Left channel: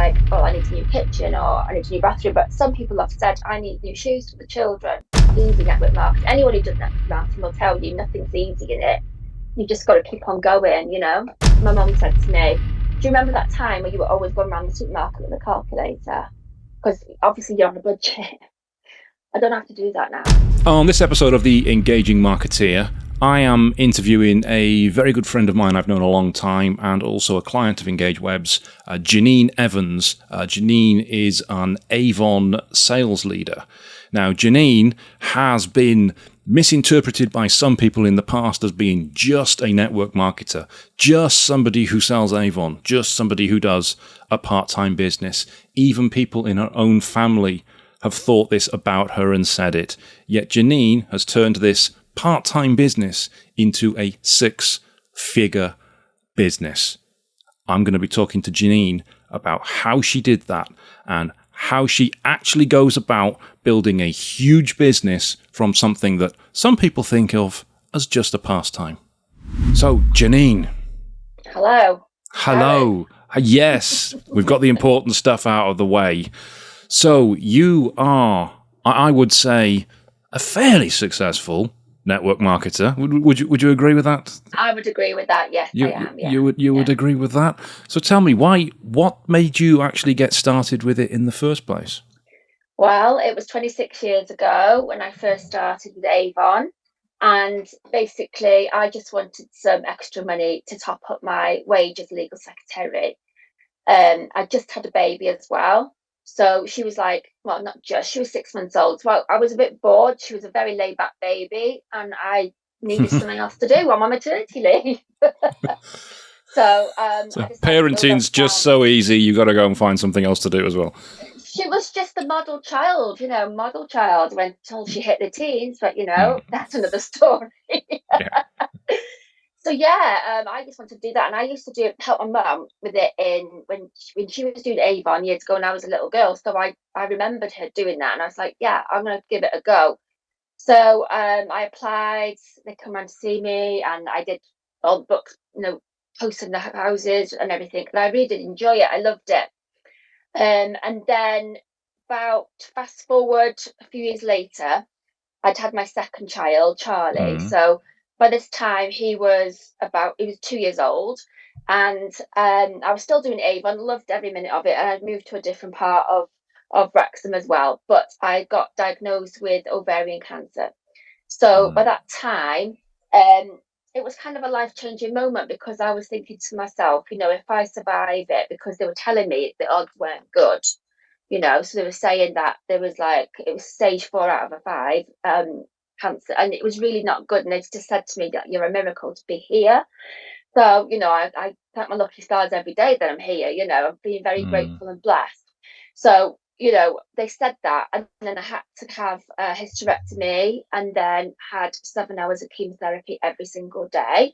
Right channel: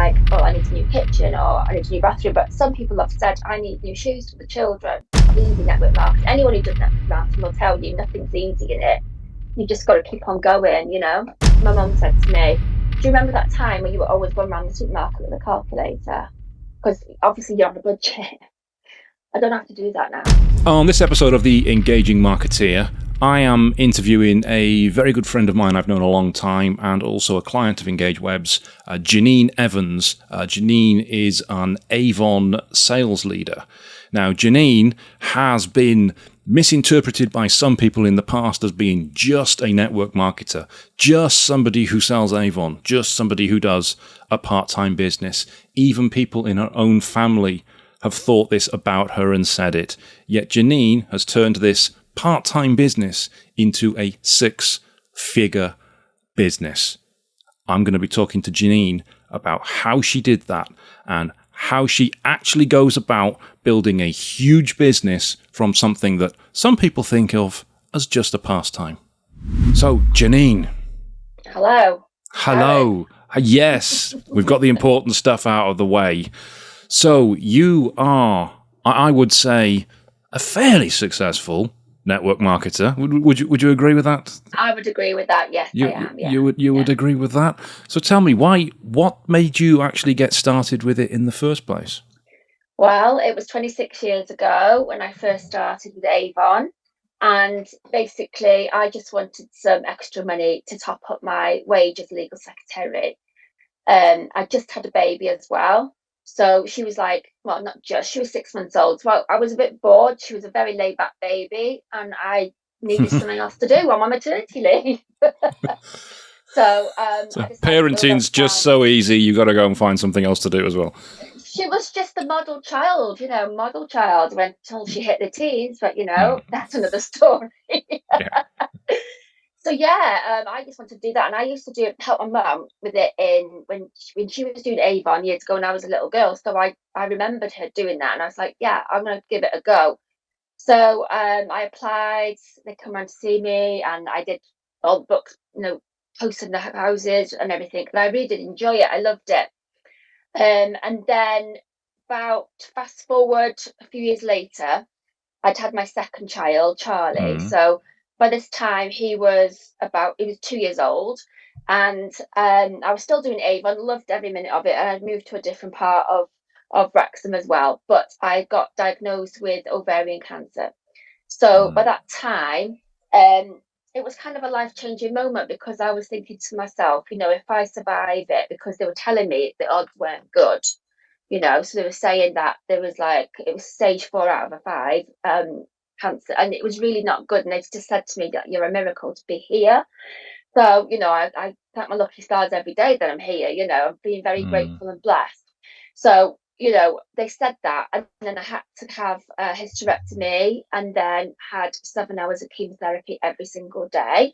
like, oh, I need a new kitchen or I need a new bathroom. But some people have said, I need new shoes for the children. Easy network marketing. Anyone who does network marketing will tell you nothing's easy in it. You just got to keep on going, you know. My mum said to me, do you remember that time when you were always going around the supermarket with a calculator? Because obviously you're on a budget. I don't have to do that now. On this episode of the Engaging Marketeer, I am interviewing a very good friend of mine I've known a long time and also a client of Engage Web's, Janine Evans. Janine is an Avon sales leader. Now, Janine has been misinterpreted by some people in the past as being just a network marketer, just somebody who sells Avon, just somebody who does a part-time business. Even people in her own family have thought this about her and said it. Yet Janine has turned this part-time business into a six-figure business. I'm going to be talking to Janine about how she did that and how she actually goes about building a huge business from something that some people think of as just a pastime. So, Janine. Hello. Hello. Yes, we've got the important stuff out of the way. So you are, I would say, a fairly successful network marketer. Would you agree with that? I would agree with that. Yes, I am. Yeah. You would agree with that. So tell me, what made you actually get started with it in the first place? Well, it was 26 years ago when I first started with Avon. And basically, I just wanted some extra money to top up my wage as a legal secretary. I just had a baby as well. So she was like, well, not just, she was 6 months old. So I was a bit bored. She was a very laid back baby and I needed something else to do on my maternity leave. So I decided to go parenting's just so easy, you got to go and find something else to do as well. She was just the model child, model child until she hit the teens, but that's another story. Yeah. So yeah, I just wanted to do that, and I used to help my mum with it when she was doing Avon years ago, when I was a little girl. So I remembered her doing that, and I was like, yeah, I'm going to give it a go. So I applied. They come around to see me, and I did all the books, posting the houses and everything. And I really did enjoy it. I loved it. And then about fast forward a few years later, I'd had my second child, Charlie. So by this time he was 2 years old, and I was still doing Avon, loved every minute of it, and I'd moved to a different part of Wrexham as well. But I got diagnosed with ovarian cancer. So by that time, it was kind of a life-changing moment because I was thinking to myself, if I survive it, because they were telling me the odds weren't good, so they were saying that it was stage 4 out of a 5 cancer, and it was really not good. And they just said to me that you're a miracle to be here. So, I thank my lucky stars every day that I'm here, I'm being very grateful and blessed. So, they said that, and then I had to have a hysterectomy and then had 7 hours of chemotherapy every single day.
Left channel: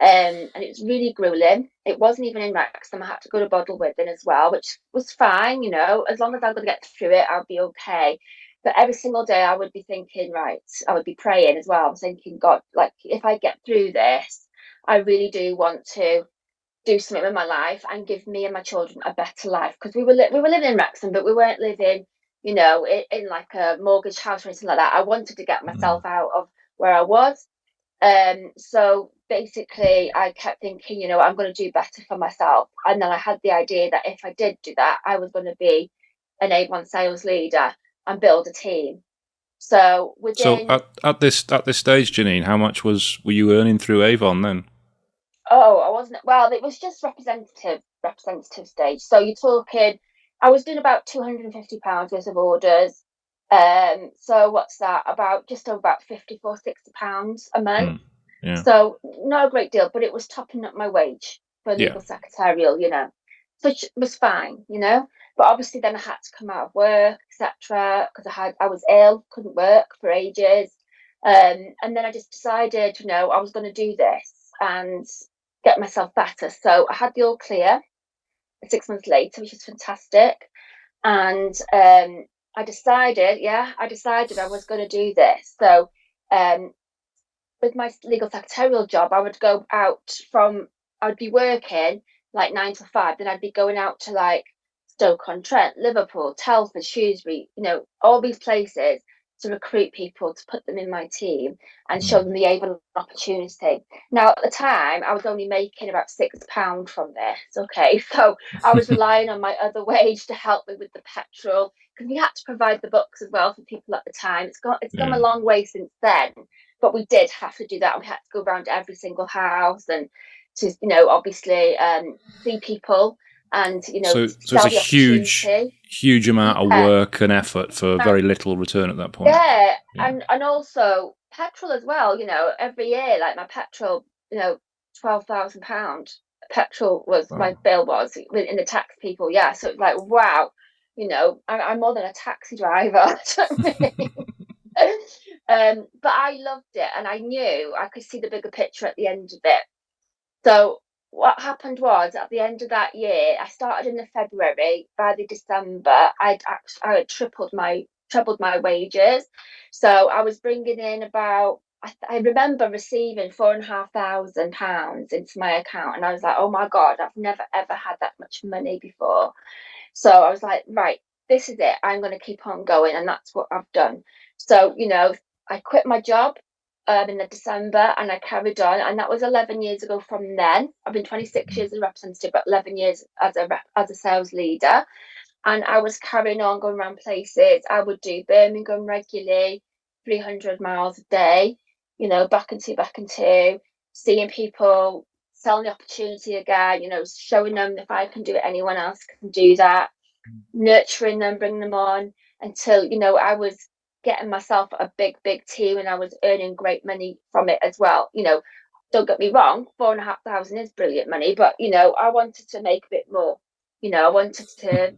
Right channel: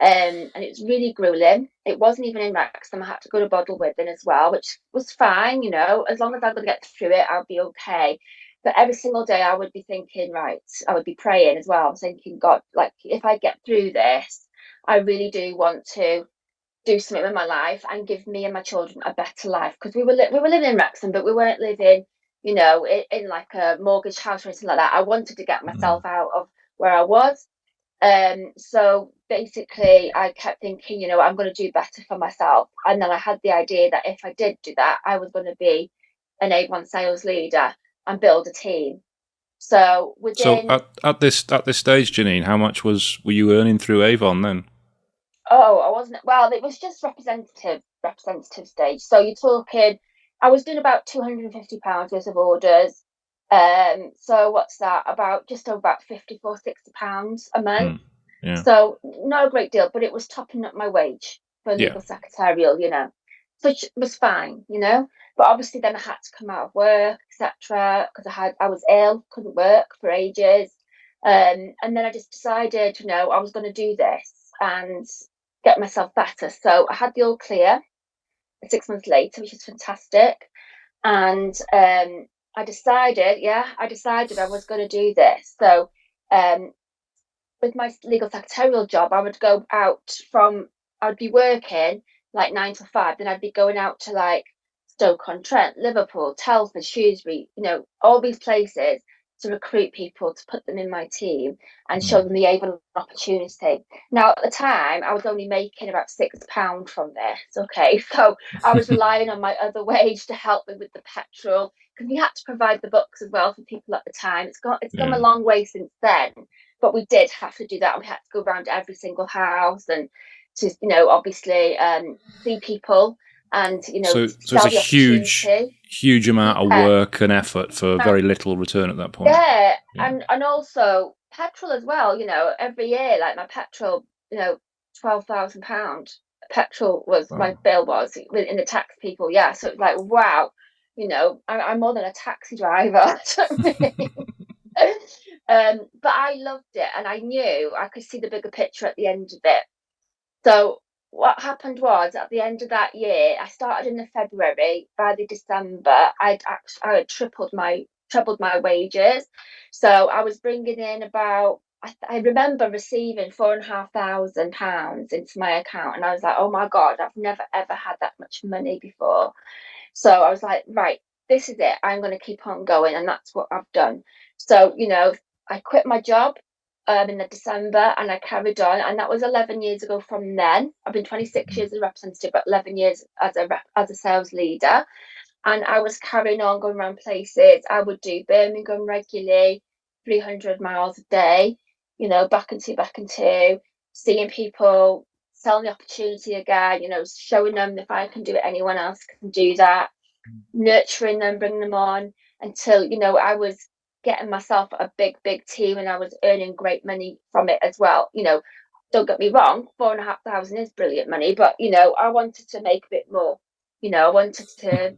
And it was really grueling. It wasn't even in Wrexham. I had to go to Bottleworthing as well, which was fine, as long as I'm going to get through it, I'll be okay. But every single day I would be thinking, right, I would be praying as well. I was thinking, God, like, if I get through this, I really do want to do something with my life and give me and my children a better life, because we were living in Wrexham, but we weren't living, in like a mortgage house or anything like that. I wanted to get myself out of where I was. So basically, I kept thinking, I'm going to do better for myself, and then I had the idea that if I did do that, I was going to be an Avon sales leader and build a team. So at this stage, Janine, how much were you earning through Avon then? Oh, I wasn't. Well, it was just representative stage. So you're talking, I was doing about £250 worth of orders. So what's that? About 54, £60 a month. Yeah. So not a great deal, but it was topping up my wage for legal secretarial, which was fine, But obviously then I had to come out of work, etc., because I was ill, couldn't work for ages. And then I just decided, I was going to do this and get myself better. So I had the all clear 6 months later, which is fantastic. And I decided I was going to do this. So with my legal secretarial job, I would be working like 9 to 5, then I'd be going out to like Stoke-on-Trent, Liverpool, Telford, Shrewsbury, all these places to recruit people to put them in my team and show Mm. them the Avon opportunity. Now, at the time, I was only making about £6 from this. Okay, so I was relying on my other wage to help me with the petrol because we had to provide the books as well for people at the time. It's come a Yeah. long way since then, but we did have to do that. And we had to go around to every single house and to, obviously see people and So it's a sell the opportunity. huge amount of Yeah, work and effort for very little return at that point. yeah, Yeah. and also petrol as well. Every year, like my petrol, £12,000. Petrol was my Wow. bill was in the tax people. Yeah, so it's like wow, I'm more than a taxi driver. But I loved it, and I knew I could see the bigger picture at the end of it. So what happened was at the end of that year, I started in the February. By the December, I had tripled my wages. So I was bringing in about I remember receiving £4,500 into my account, and I was like, oh my god, I've never ever had that much money before. So I was like, right, this is it. I'm going to keep on going, and that's what I've done. So I quit my job in the December, and I carried on, and that was 11 years ago. From then, I've been 26 years as a representative, but 11 years as a sales leader, and I was carrying on going around places. I would do Birmingham regularly, 300 miles a day, back and two, seeing people, selling the opportunity again, showing them if I can do it, anyone else can do that, nurturing them, bringing them on until, I was getting myself a big team and I was earning great money from it as well. Don't get me wrong, 4,500 is brilliant money, but I wanted to make a bit more. I wanted to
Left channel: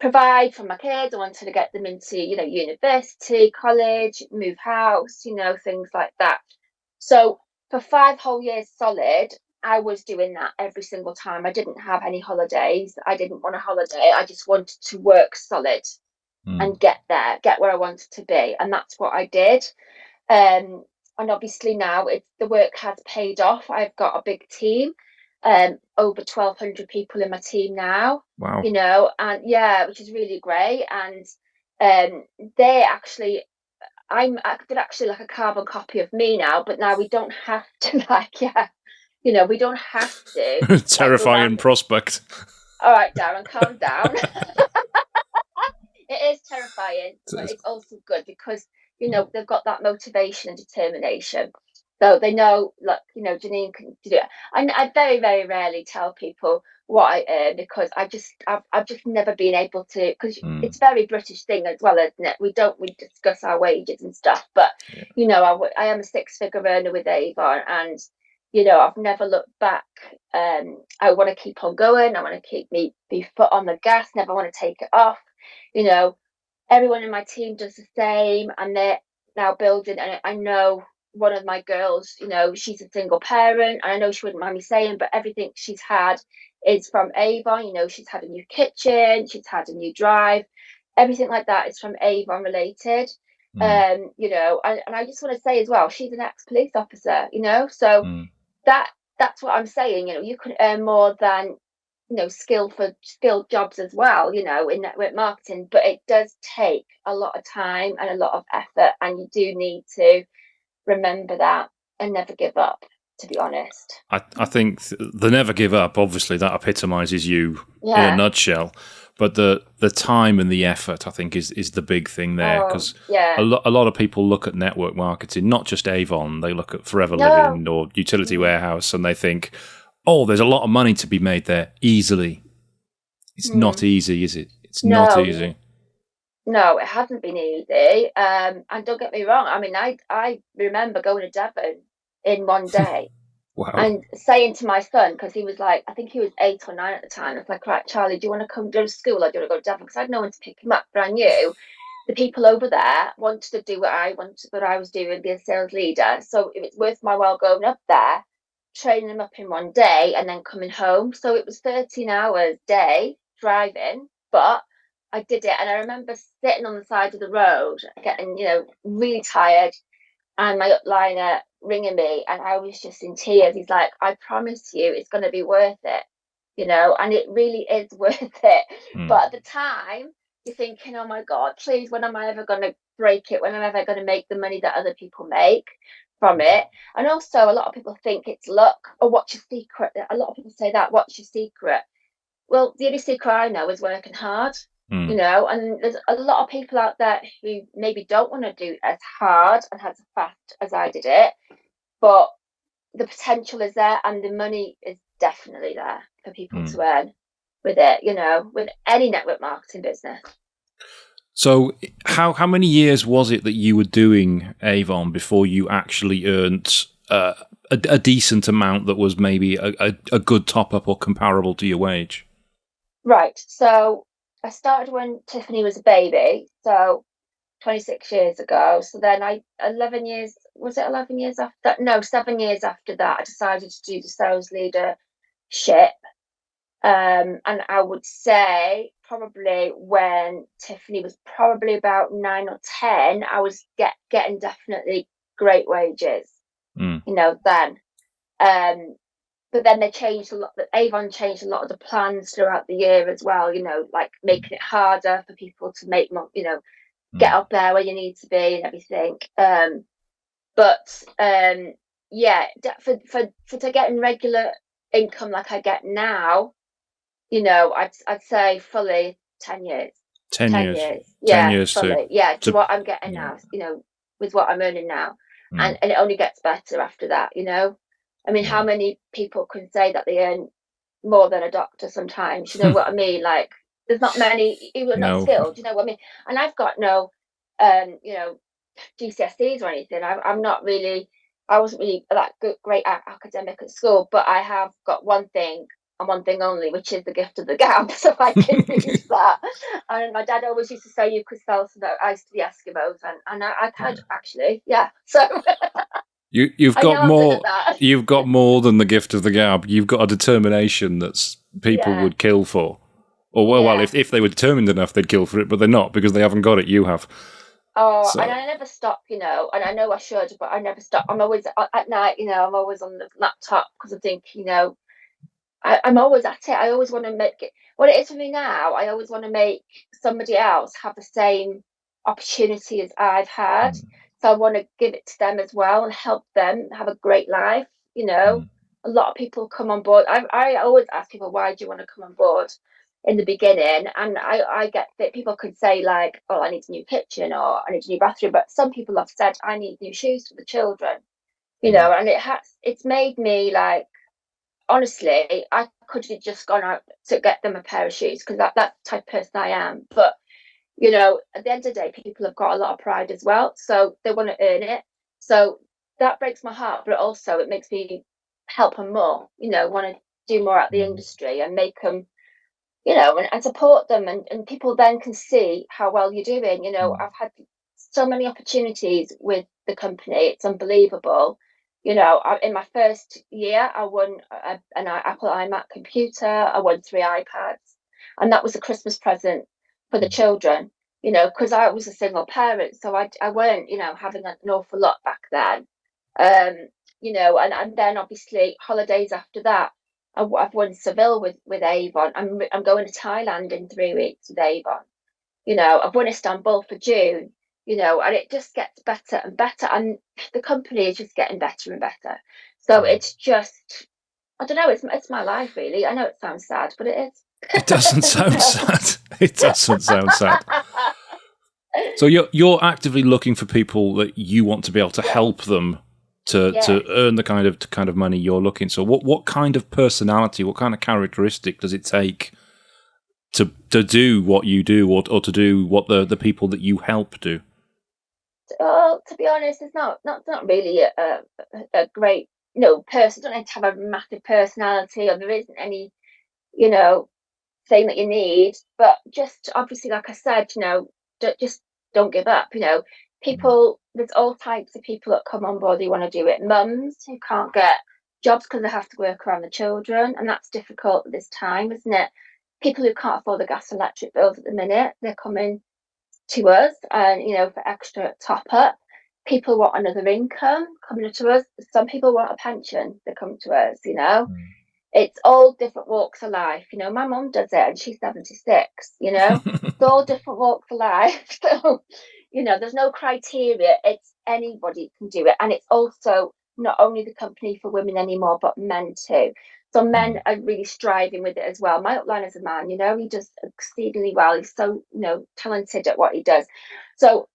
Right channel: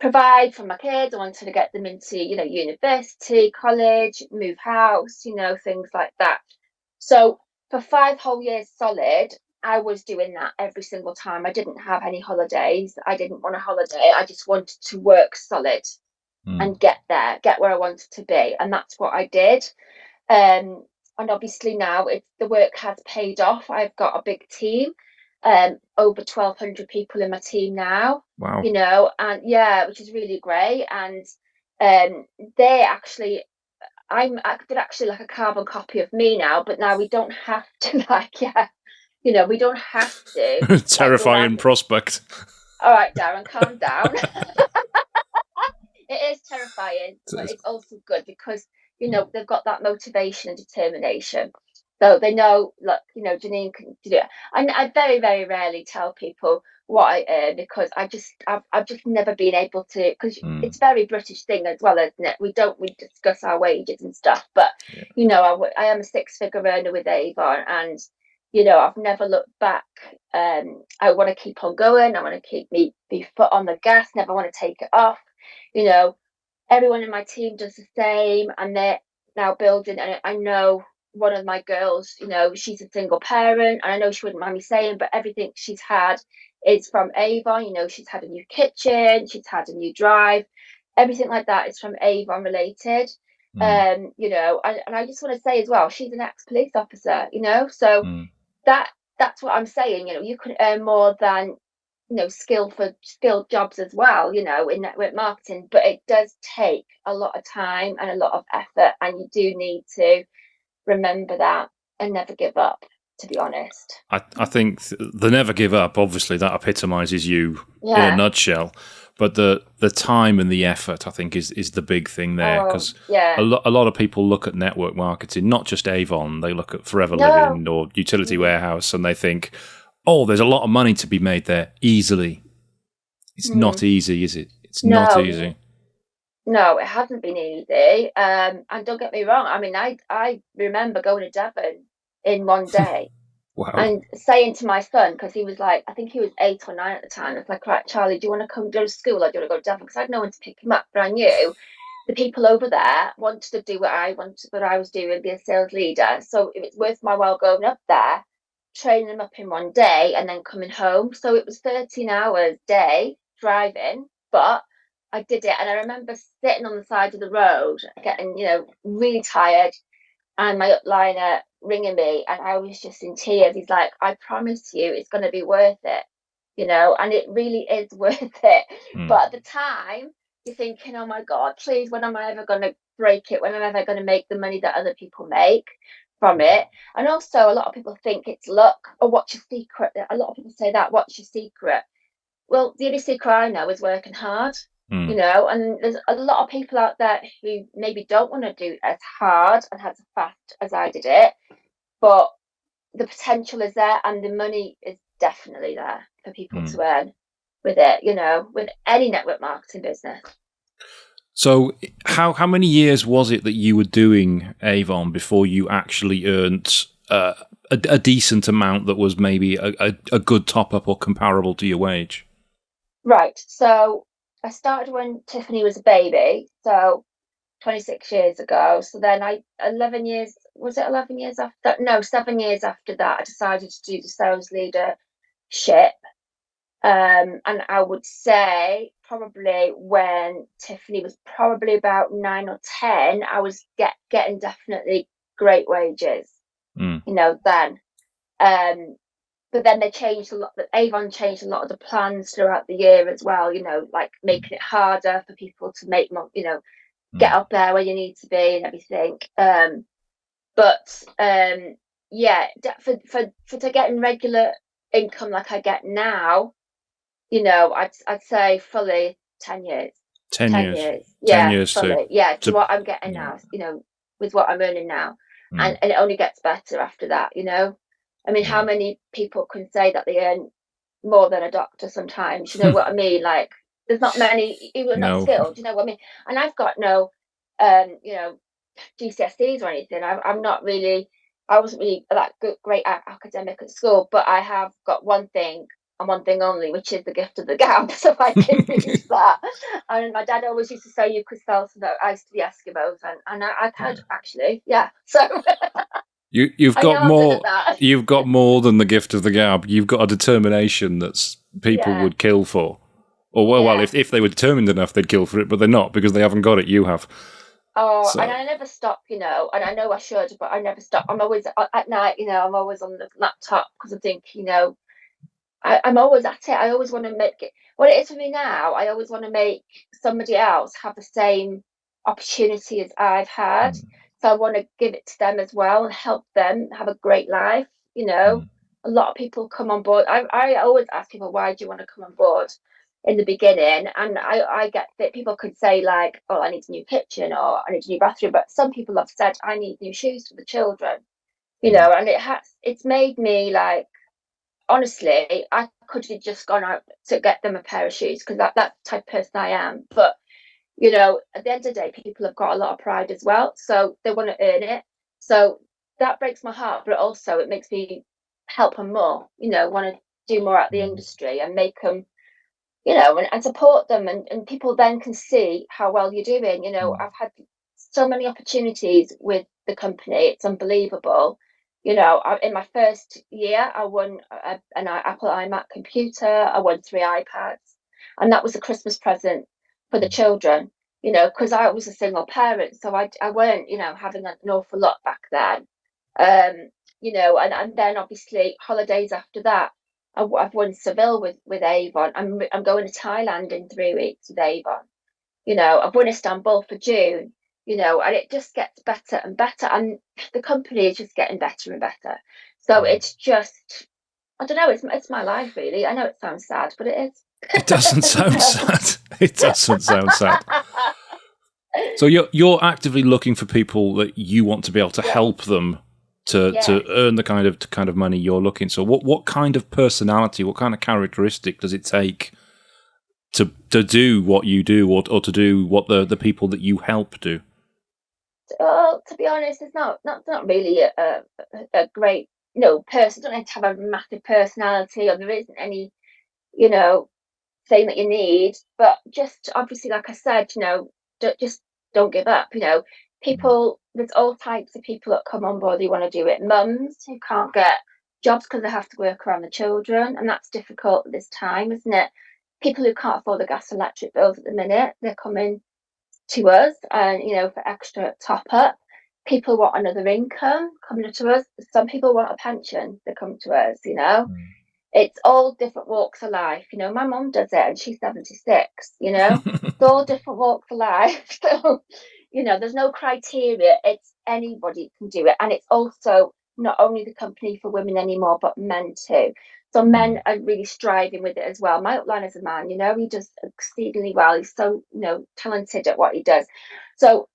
provide for my kids. I wanted to get them into, university, college, move house, things like that. So for 5 whole years solid, I was doing that every single time. I didn't have any holidays. I didn't want a holiday. I just wanted to work solid Mm. and get there, get where I wanted to be. And that's what I did. Um, and obviously now the work has paid off. I've got a big team, over 1,200 people in my team now, Wow. and yeah, which is really great. And um, they actually, they're actually like a carbon copy of me now, but now we don't have to like, yeah, we don't have to like go around. Terrifying prospect. All right, Darren, calm down. It is terrifying, but it's also good because they've got that motivation and determination. So they know, like Janine can do it. And I very very rarely tell people what I earn because I've just never been able to, because Mm. it's a very British thing as well, isn't it? We discuss our wages and stuff, but Yeah. I am a six-figure earner with Avon, and I've never looked back. I want to keep on going. I want to keep me foot on the gas. Never want to take it off. you know, Everyone in my team does the same, and they're now building. And I know one of my girls, she's a single parent, and I know she wouldn't mind me saying, but everything she's had is from Avon. She's had a new kitchen, she's had a new drive, everything like that is from Avon related. Mm. And I just want to say as well, she's an ex-police officer, so Mm. that that's what I'm saying. You can earn more than skilled jobs as well, in network marketing, but it does take a lot of time and a lot of effort, and you do need to remember that and never give up, to be honest. I think the never give up, obviously, that epitomizes you in a Yeah. nutshell. But the time and the effort, I think, is the big thing there. Oh, Because yeah. a lot of people look at network marketing, not just Avon, they look at Forever No. Living or Utility Mm, Warehouse, and they think, oh, there's a lot of money to be made there easily. It's not mm, easy, is it? It's not no, easy. no, it hasn't been easy. And don't get me wrong. I mean, I remember going to Devon in one day Wow. and saying to my son, because he was like, I think he was 8 or 9 at the time, I was like, right, Charlie, do you want to come to school, or do you want to go to Devon? Because I had no one to pick him up, but I knew the people over there wanted to do what I was doing, be a sales leader. So it was worth my while going up there, training them up in one day, and then coming home. So it was 13 hours day driving, but I did it. And I remember sitting on the side of the road, getting, really tired, and my upliner ringing me, and I was just in tears. He's like, I promise you it's going to be worth it. and it really is worth it. Mm. But at the time, you're thinking, oh my God, please, when am I ever going to break it? When am I ever going to make the money that other people make from it? And also, a lot of people think it's luck. Or what's your secret? A lot of people say that, what's your secret? Well, the only secret I know is working hard, Mm. and there's a lot of people out there who maybe don't want to do as hard and as fast as I did it, but the potential is there and the money is definitely there for people Mm. to earn with it, with any network marketing business. So, how many years was it that you were doing Avon before you actually earned a decent amount that was maybe a good top up or comparable to your wage? Right. So I started when Tiffany was a baby, so 26 years ago. So then 11 years, was it 11 years after that? No, 7 years after that, I decided to do the sales leadership. And I would say probably when Tiffany was probably about 9 or 10, I was getting definitely great wages, Mm. then. Um, but then they changed a lot. Avon changed a lot of the plans throughout the year as well. Like making it harder for people to make more. Get Mm. up there where you need to be and everything. But yeah, for to getting regular income like I get now, I'd say fully 10 years. 10 10 years. years, 10 yeah, years fully, yeah, to to what I'm getting yeah. now, with what I'm earning now, and Mm. it only gets better after that. I mean, how Yeah. many people can say that they earn more than a doctor sometimes? You know what I mean? Like, there's not many, even not No. skilled. You know what I mean? And I've got no, GCSEs or anything. I'm not really, I wasn't really that great academic at school, but I have got one thing and one thing only, which is the gift of the gab. So I can use that. And my dad always used to say you could sell some ice to the Eskimos, and I could actually, yeah. So You've I got know I'm good at more. that. You've got more than the gift of the gab. You've got a determination that's people Yeah, would kill for. Or well, yeah. if they were determined enough, they'd kill for it, but they're not because they haven't got it. You have. Oh, and So I never stop, and I know I should, but I never stop. I'm always at night, I'm always on the laptop because I think, I'm always at it. I always want to make it what it is for me now. I always want to make somebody else have the same opportunity as I've had. mm. So I want to give it to them as well and help them have a great life. Mm. A lot of people come on board. I always ask people, why do you want to come on board in the beginning? And I get that people could say, like, oh, I need a new kitchen or I need a new bathroom. But some people have said, I need new shoes for the children, Mm. and it's made me like, honestly, I could have just gone out to get them a pair of shoes because that's the type of person I am. But at the end of the day, people have got a lot of pride as well, so they want to earn it. So that breaks my heart, but also it makes me help them more. Want to do more at the Mm. industry and make them, and support them, and people then can see how well you're doing. Mm. I've had so many opportunities with the company; it's unbelievable. In my first year, I won an Apple iMac computer. I won 3 iPads, and that was a Christmas present for the children. Because I was a single parent, so I weren't, having an awful lot back then. And then obviously holidays after that. I've won Seville with Avon. I'm going to Thailand in 3 weeks with Avon. I've won Istanbul for June. And it just gets better and better, and the company is just getting better and better. So Mm. it's just, I don't know. It's my life, really. I know it sounds sad, but it is. It doesn't sound sad. It doesn't sound sad. So you're actively looking for people that you want to be able to Yes, help them to yes. earn the kind of money you're looking. So what kind of personality, what kind of characteristic does it take to do what you do, or to do what the people that you help do? Well, to be honest, it's not really a great person. Don't need to have a massive personality, or there isn't any you know thing that you need. But just obviously, like I said, just don't give up. Mm. People, there's all types of people that come on board who want to do it. Mums who can't get jobs because they have to work around the children, and that's difficult at this time, isn't it? People who can't afford the gas and electric bills at the minute, they're coming to us, and for extra top up. People want another income coming to us. Some people want a pension, they come to us. Mm. It's all different walks of life. My mum does it and she's 76, It's all different walks of life. So, there's no criteria. It's anybody can do it. And it's also not only the company for women anymore, but men too. So men are really striving with it as well. My upline is a man, he does exceedingly well. He's so, talented at what he does. So,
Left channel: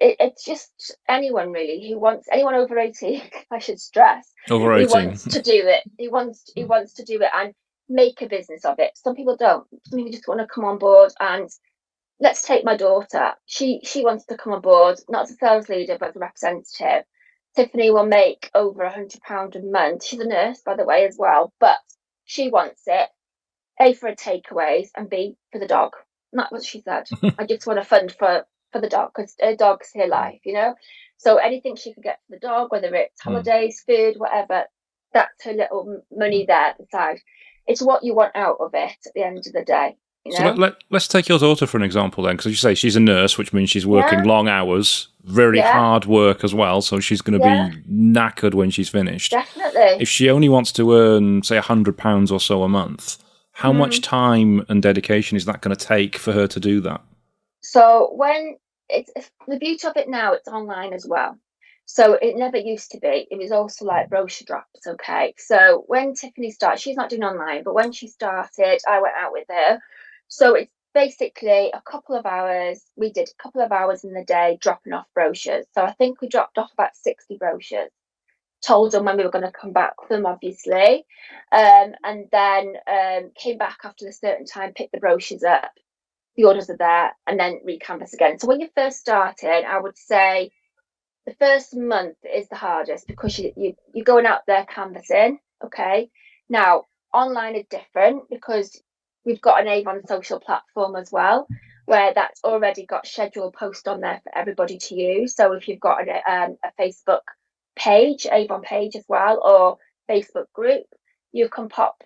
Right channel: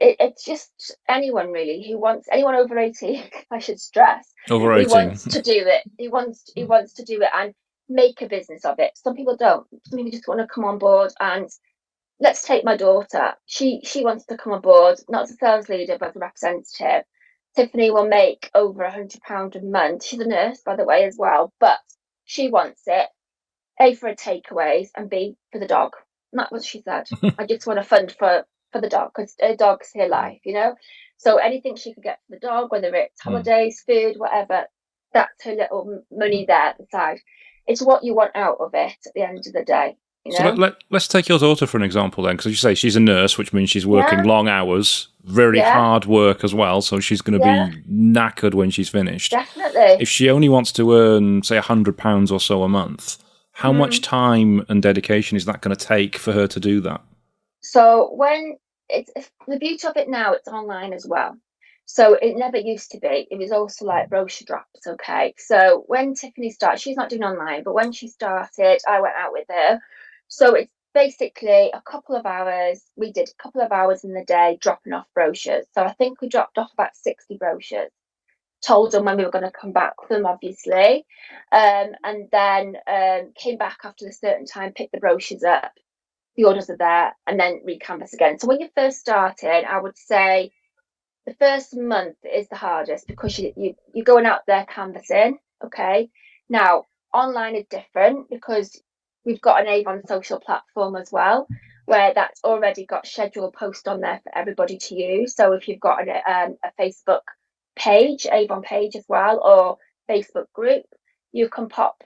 it's just anyone really who wants, anyone over 80, I should stress, Over who 18. wants to do it. He wants to do it and make a business of it. Some people don't. Some people just want to come on board. And let's take my daughter. She wants to come on board, not as a sales leader, but as a representative. Tiffany will make over £100 a month. She's a nurse, by the way, as well, but she wants it. A, for her takeaways, and B, for the dog. And that's what she said. I just want to fund for the dog because her dog's her life. So anything she could get for the dog, whether it's holidays, food, whatever, that's her little money there beside. It's what you want out of it at the end of the day. So let's take your daughter for an example then, because you say she's a nurse, which means she's working Yeah, long hours, very yeah, hard work as well, so she's going to yeah, be knackered when she's finished. definitely. If she only wants to earn, say, £100 or so a month, how much Mm. time and dedication is that going to take for her to do that? So when it's the beauty of it now, it's online as well. So it never used to be. It was also like brochure drops. Okay. So when Tiffany started, she's not doing online, but when she started, I went out with her. So it's basically a couple of hours. We did a couple of hours in the day dropping off brochures. So I think we dropped off about 60 brochures. Told them when we were going to come back with them, obviously, and then came back after a certain time, picked the brochures up, the orders are there, and then recanvas again. So when you first started, I would say the first month is the hardest because you're going out there canvassing. Okay. Now online is different because we've got an Avon social platform as well, where that's already got scheduled post on there for everybody to use. So if you've got a Facebook page, Avon page as well, or Facebook group, you can pop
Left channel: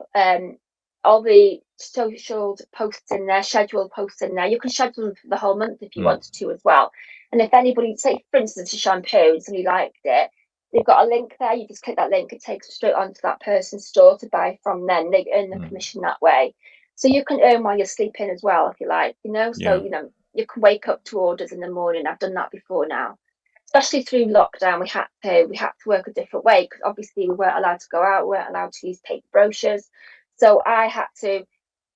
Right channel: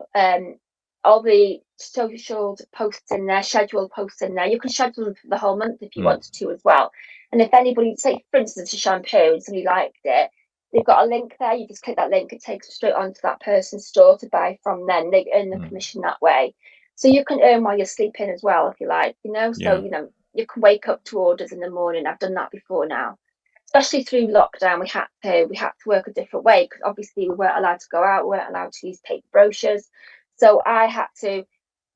all the social posts in there, scheduled posts in there. You can schedule them for the whole month if you Mm. wanted to as well. And if anybody, say for instance, a shampoo and somebody liked it, they've got a link there. You just click that link, it takes straight onto that person's store to buy from them. They earn the Mm. commission that way. So you can earn while you're sleeping as well, if you like. So, Yeah. you can wake up to orders in the morning. I've done that before now. Especially through lockdown, we had to work a different way because obviously we weren't allowed to go out, we weren't allowed to use paper brochures. So I had to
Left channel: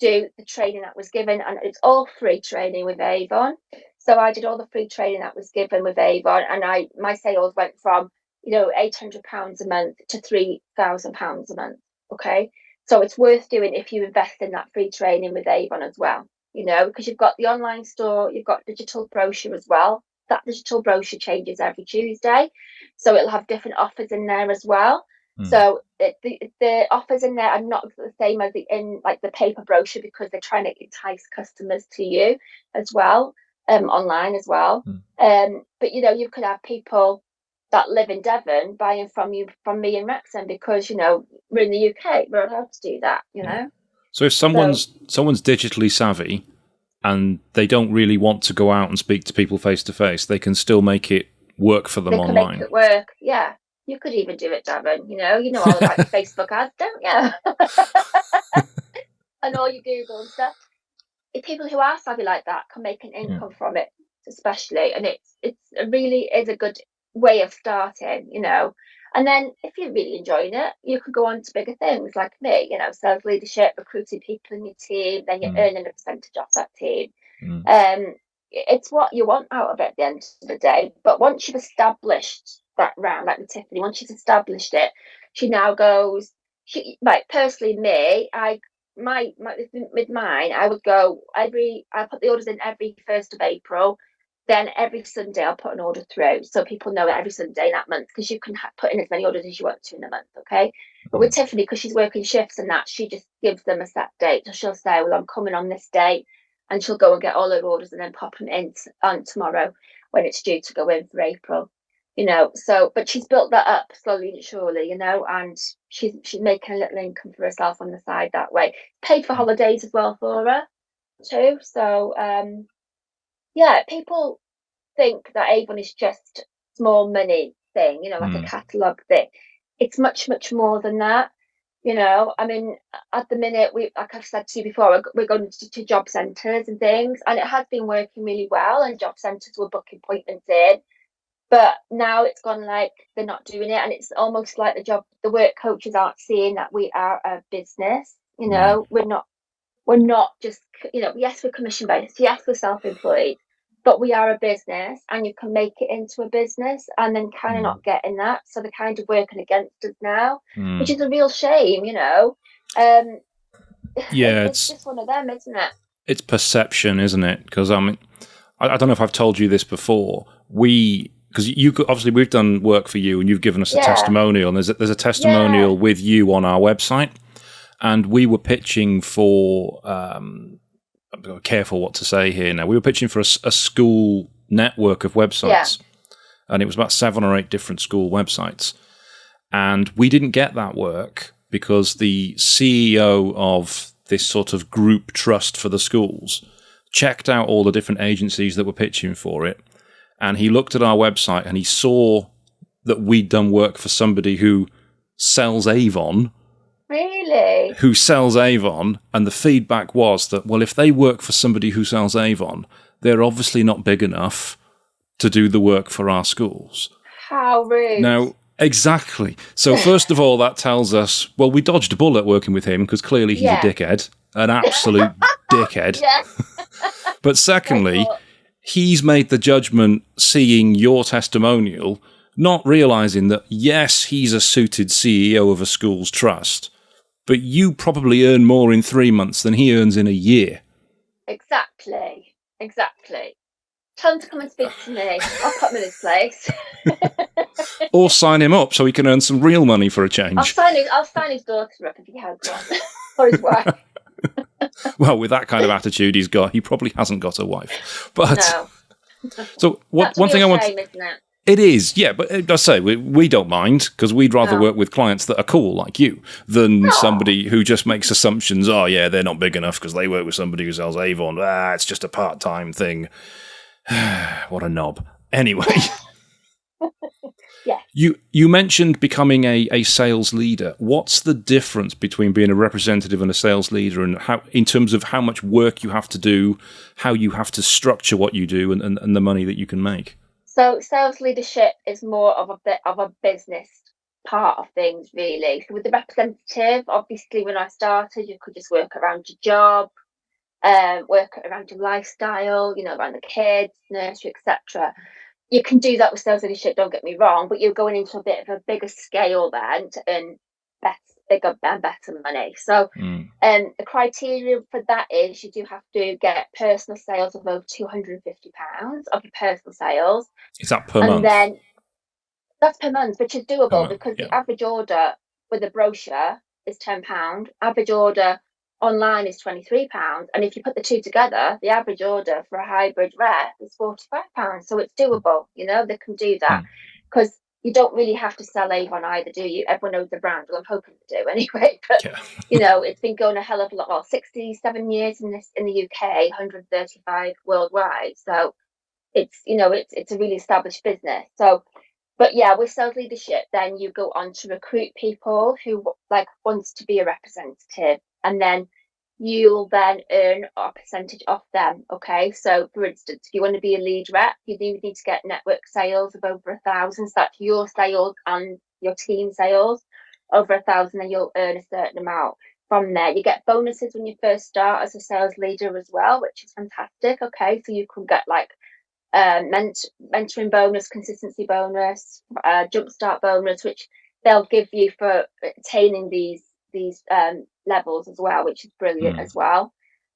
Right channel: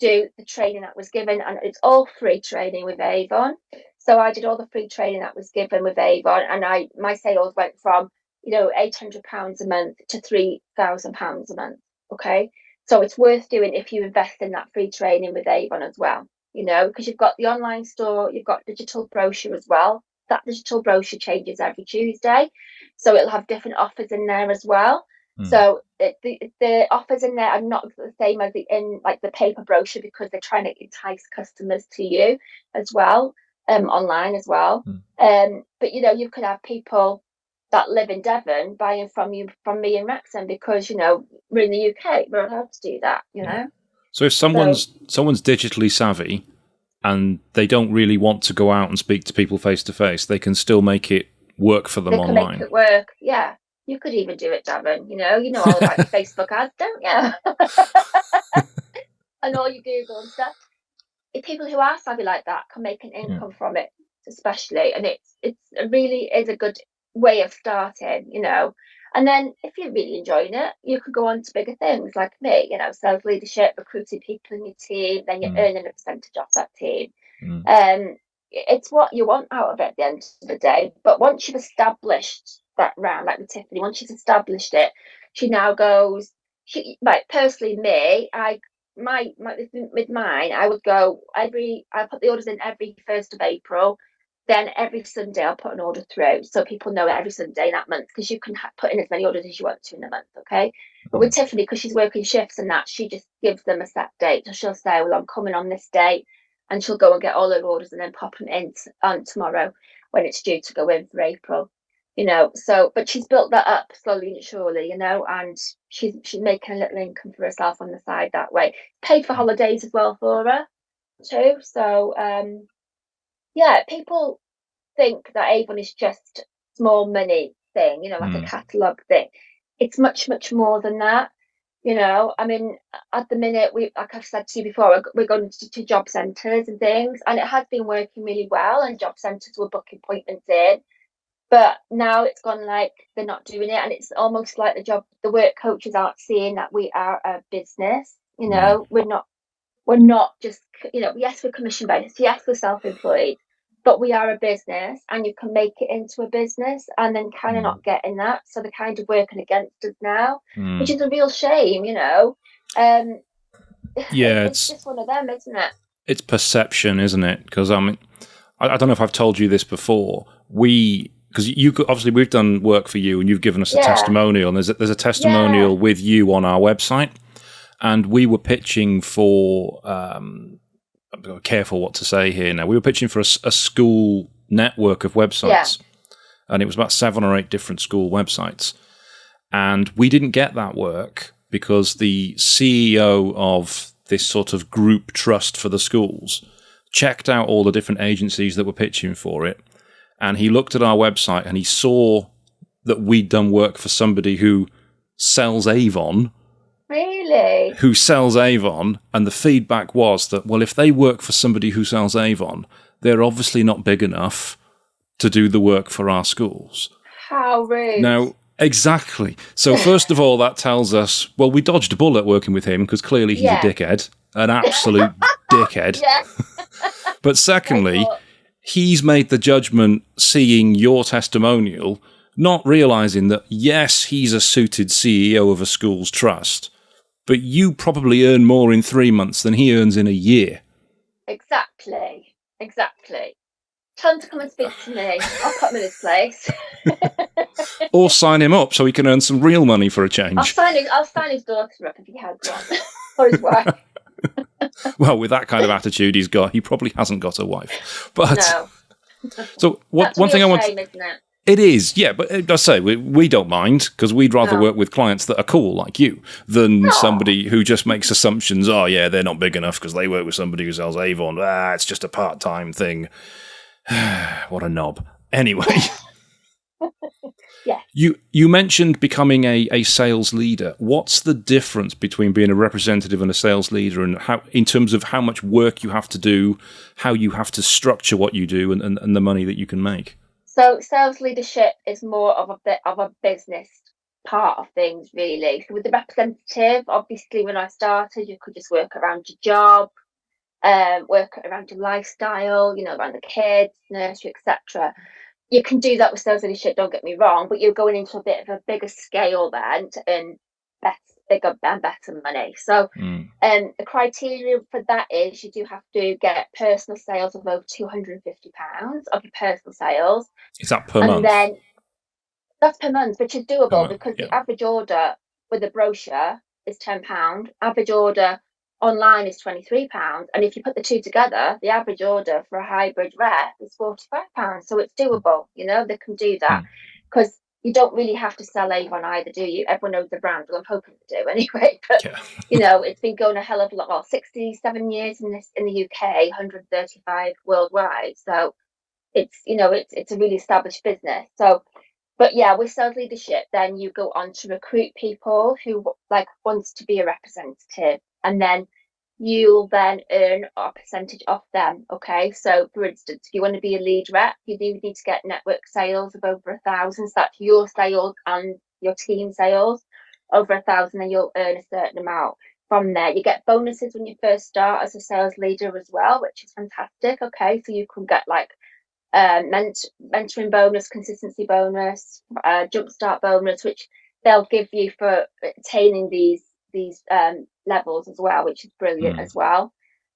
do the training that was given, and it's all free training with Avon. So I did all the free training that was given with Avon, and my sales went from £800 a month to £3,000 a month. Okay, so it's worth doing if you invest in that free training with Avon as well. Because you've got the online store, you've got digital brochure as well. That digital brochure changes every Tuesday, so it'll have different offers in there as well. Mm. So the offers in there are not the same as the paper brochure because they're trying to entice customers to you as well, online as well. Mm. But you could have people that live in Devon buying from me in Wrexham because we're in the UK, we're allowed to do that. Yeah. So if So someone's digitally savvy and they don't really want to go out and speak to people face to face, they can still make it work for them they can make online. it work. Yeah, you could even do it, Devon. You know all about your Facebook ads, don't you? And all your Google and stuff. People who are savvy like that can make an Yeah. income from it, especially, and it really is a good way of starting. And then if you're really enjoying it, you could go on to bigger things like me, sales leadership, recruiting people in your team, then you're Mm. earning a percentage off that team. Mm. It's what you want out of it at the end of the day. But once you've established that round, like with Tiffany, once she's established it, she now goes. Like personally, me, my with mine, I would go I put the orders in every 1st of April. Then every Sunday I'll put an order through so people know it every Sunday that month because you can put in as many orders as you want to in a month. Okay. But with Mm. Tiffany, because she's working shifts and that, she just gives them a set date. So she'll say, well, I'm coming on this date, and she'll go and get all her orders and then pop them in on tomorrow when it's due to go in for April. So but she's built that up slowly and surely, and she's making a little income for herself on the side that way. Paid for holidays as well for her too. So yeah, people think that Avon is just small money thing, like a Mm. catalogue thing. It's much, much more than that. I mean, at the minute, like I've said to you before, we're going to job centres and things, and it has been working really well. And job centres were booking appointments in, but now it's gone like they're not doing it, and it's almost like the work coaches aren't seeing that we are a business. Yeah. We're not just, yes, we're commission based, yes, we're self-employed, but we are a business, and you can make it into a business and then kind of Mm. not getting that. So they're kind of working against us now, which Mm. is a real shame. Um, Yeah, it's just one of them, isn't it? it's perception, isn't it? Because I don't know if I've told you this before. Because obviously we've done work for you, and you've given us a Yeah, testimonial, and there's a yeah, testimonial with you on our website, and we were pitching for. I'm careful what to say here. Now we were pitching for a school network of yeah. websites, and it was about 7 or 8 different school websites, and we didn't get that work because the CEO of this sort of group trust for the schools checked out all the different agencies that were pitching for it, and he looked at our website and he saw that we'd done work for somebody who sells Avon, Really? and the feedback was that, well, if they work for somebody who sells Avon, they're obviously not big enough to do the work for our schools. How rude. Now, exactly. So first of all, that tells us, well, we dodged a bullet working with him because clearly he's a Yeah. dickhead, an absolute dickhead. Yeah. But secondly, But he's made the judgment seeing your testimonial, not realizing that, yes, he's a suited CEO of a school's trust, but you probably earn more in 3 months than he earns in a year. exactly. Tell him to come and speak to me. I'll put him in his place. Or sign him up so he can earn some real money for a I'll change. sign his daughter up if he has one. Or his wife. Well, with that kind of attitude he probably hasn't got a wife. But No. so That's one a thing I real want shame, isn't it? it is, yeah, but I say we don't mind because we'd rather No. work with clients that are cool like you than No. somebody who just makes assumptions. Oh, yeah, they're not big enough because they work with somebody who sells Avon. It's just a part-time thing. What a knob. Anyway, Yeah. you mentioned becoming a sales leader. What's the difference between being a representative and a sales leader, and how, in terms of how much work you have to do, how you have to structure what you do, and the money that you can make? So sales leadership is more of a bit of a business part of things, really. So with the representative, obviously, when I started, you could just work around your job, work around your lifestyle, around the kids, nursery, etc. You can do that with sales leadership, don't get me wrong, but you're going into a bit of a bigger scale then to earn better, bigger and better money. So Mm. the criteria for that is you do have to get personal sales of over £250 of your personal sales. Is that per And month? then that's per month, which is Per doable month, because yeah. the average order with a brochure is £10. Average order online is £23. And if you put the two together, the average order for a hybrid rep is £45. So it's doable, they can do that Mm. because you don't really have to sell Avon either, do you? Everyone knows the brand. Well, I'm hoping to do anyway. But Yeah. it's been going a hell of a lot. Well, 67 years in the UK, 135 worldwide. So it's a really established business. So, but yeah, with sales leadership, then you go on to recruit people who like wants to be a representative, and then you'll then earn a percentage off them. Okay, so for instance, if you want to be a lead rep, you do need to get network sales of over 1,000. So that's your sales and your team sales over 1,000, and you'll earn a certain amount from there. You get bonuses when you first start as a sales leader as well, which is fantastic. Okay, so you can get like mentoring bonus, consistency bonus, jumpstart bonus, which they'll give you for attaining these levels as well, which is brilliant Mm. as well.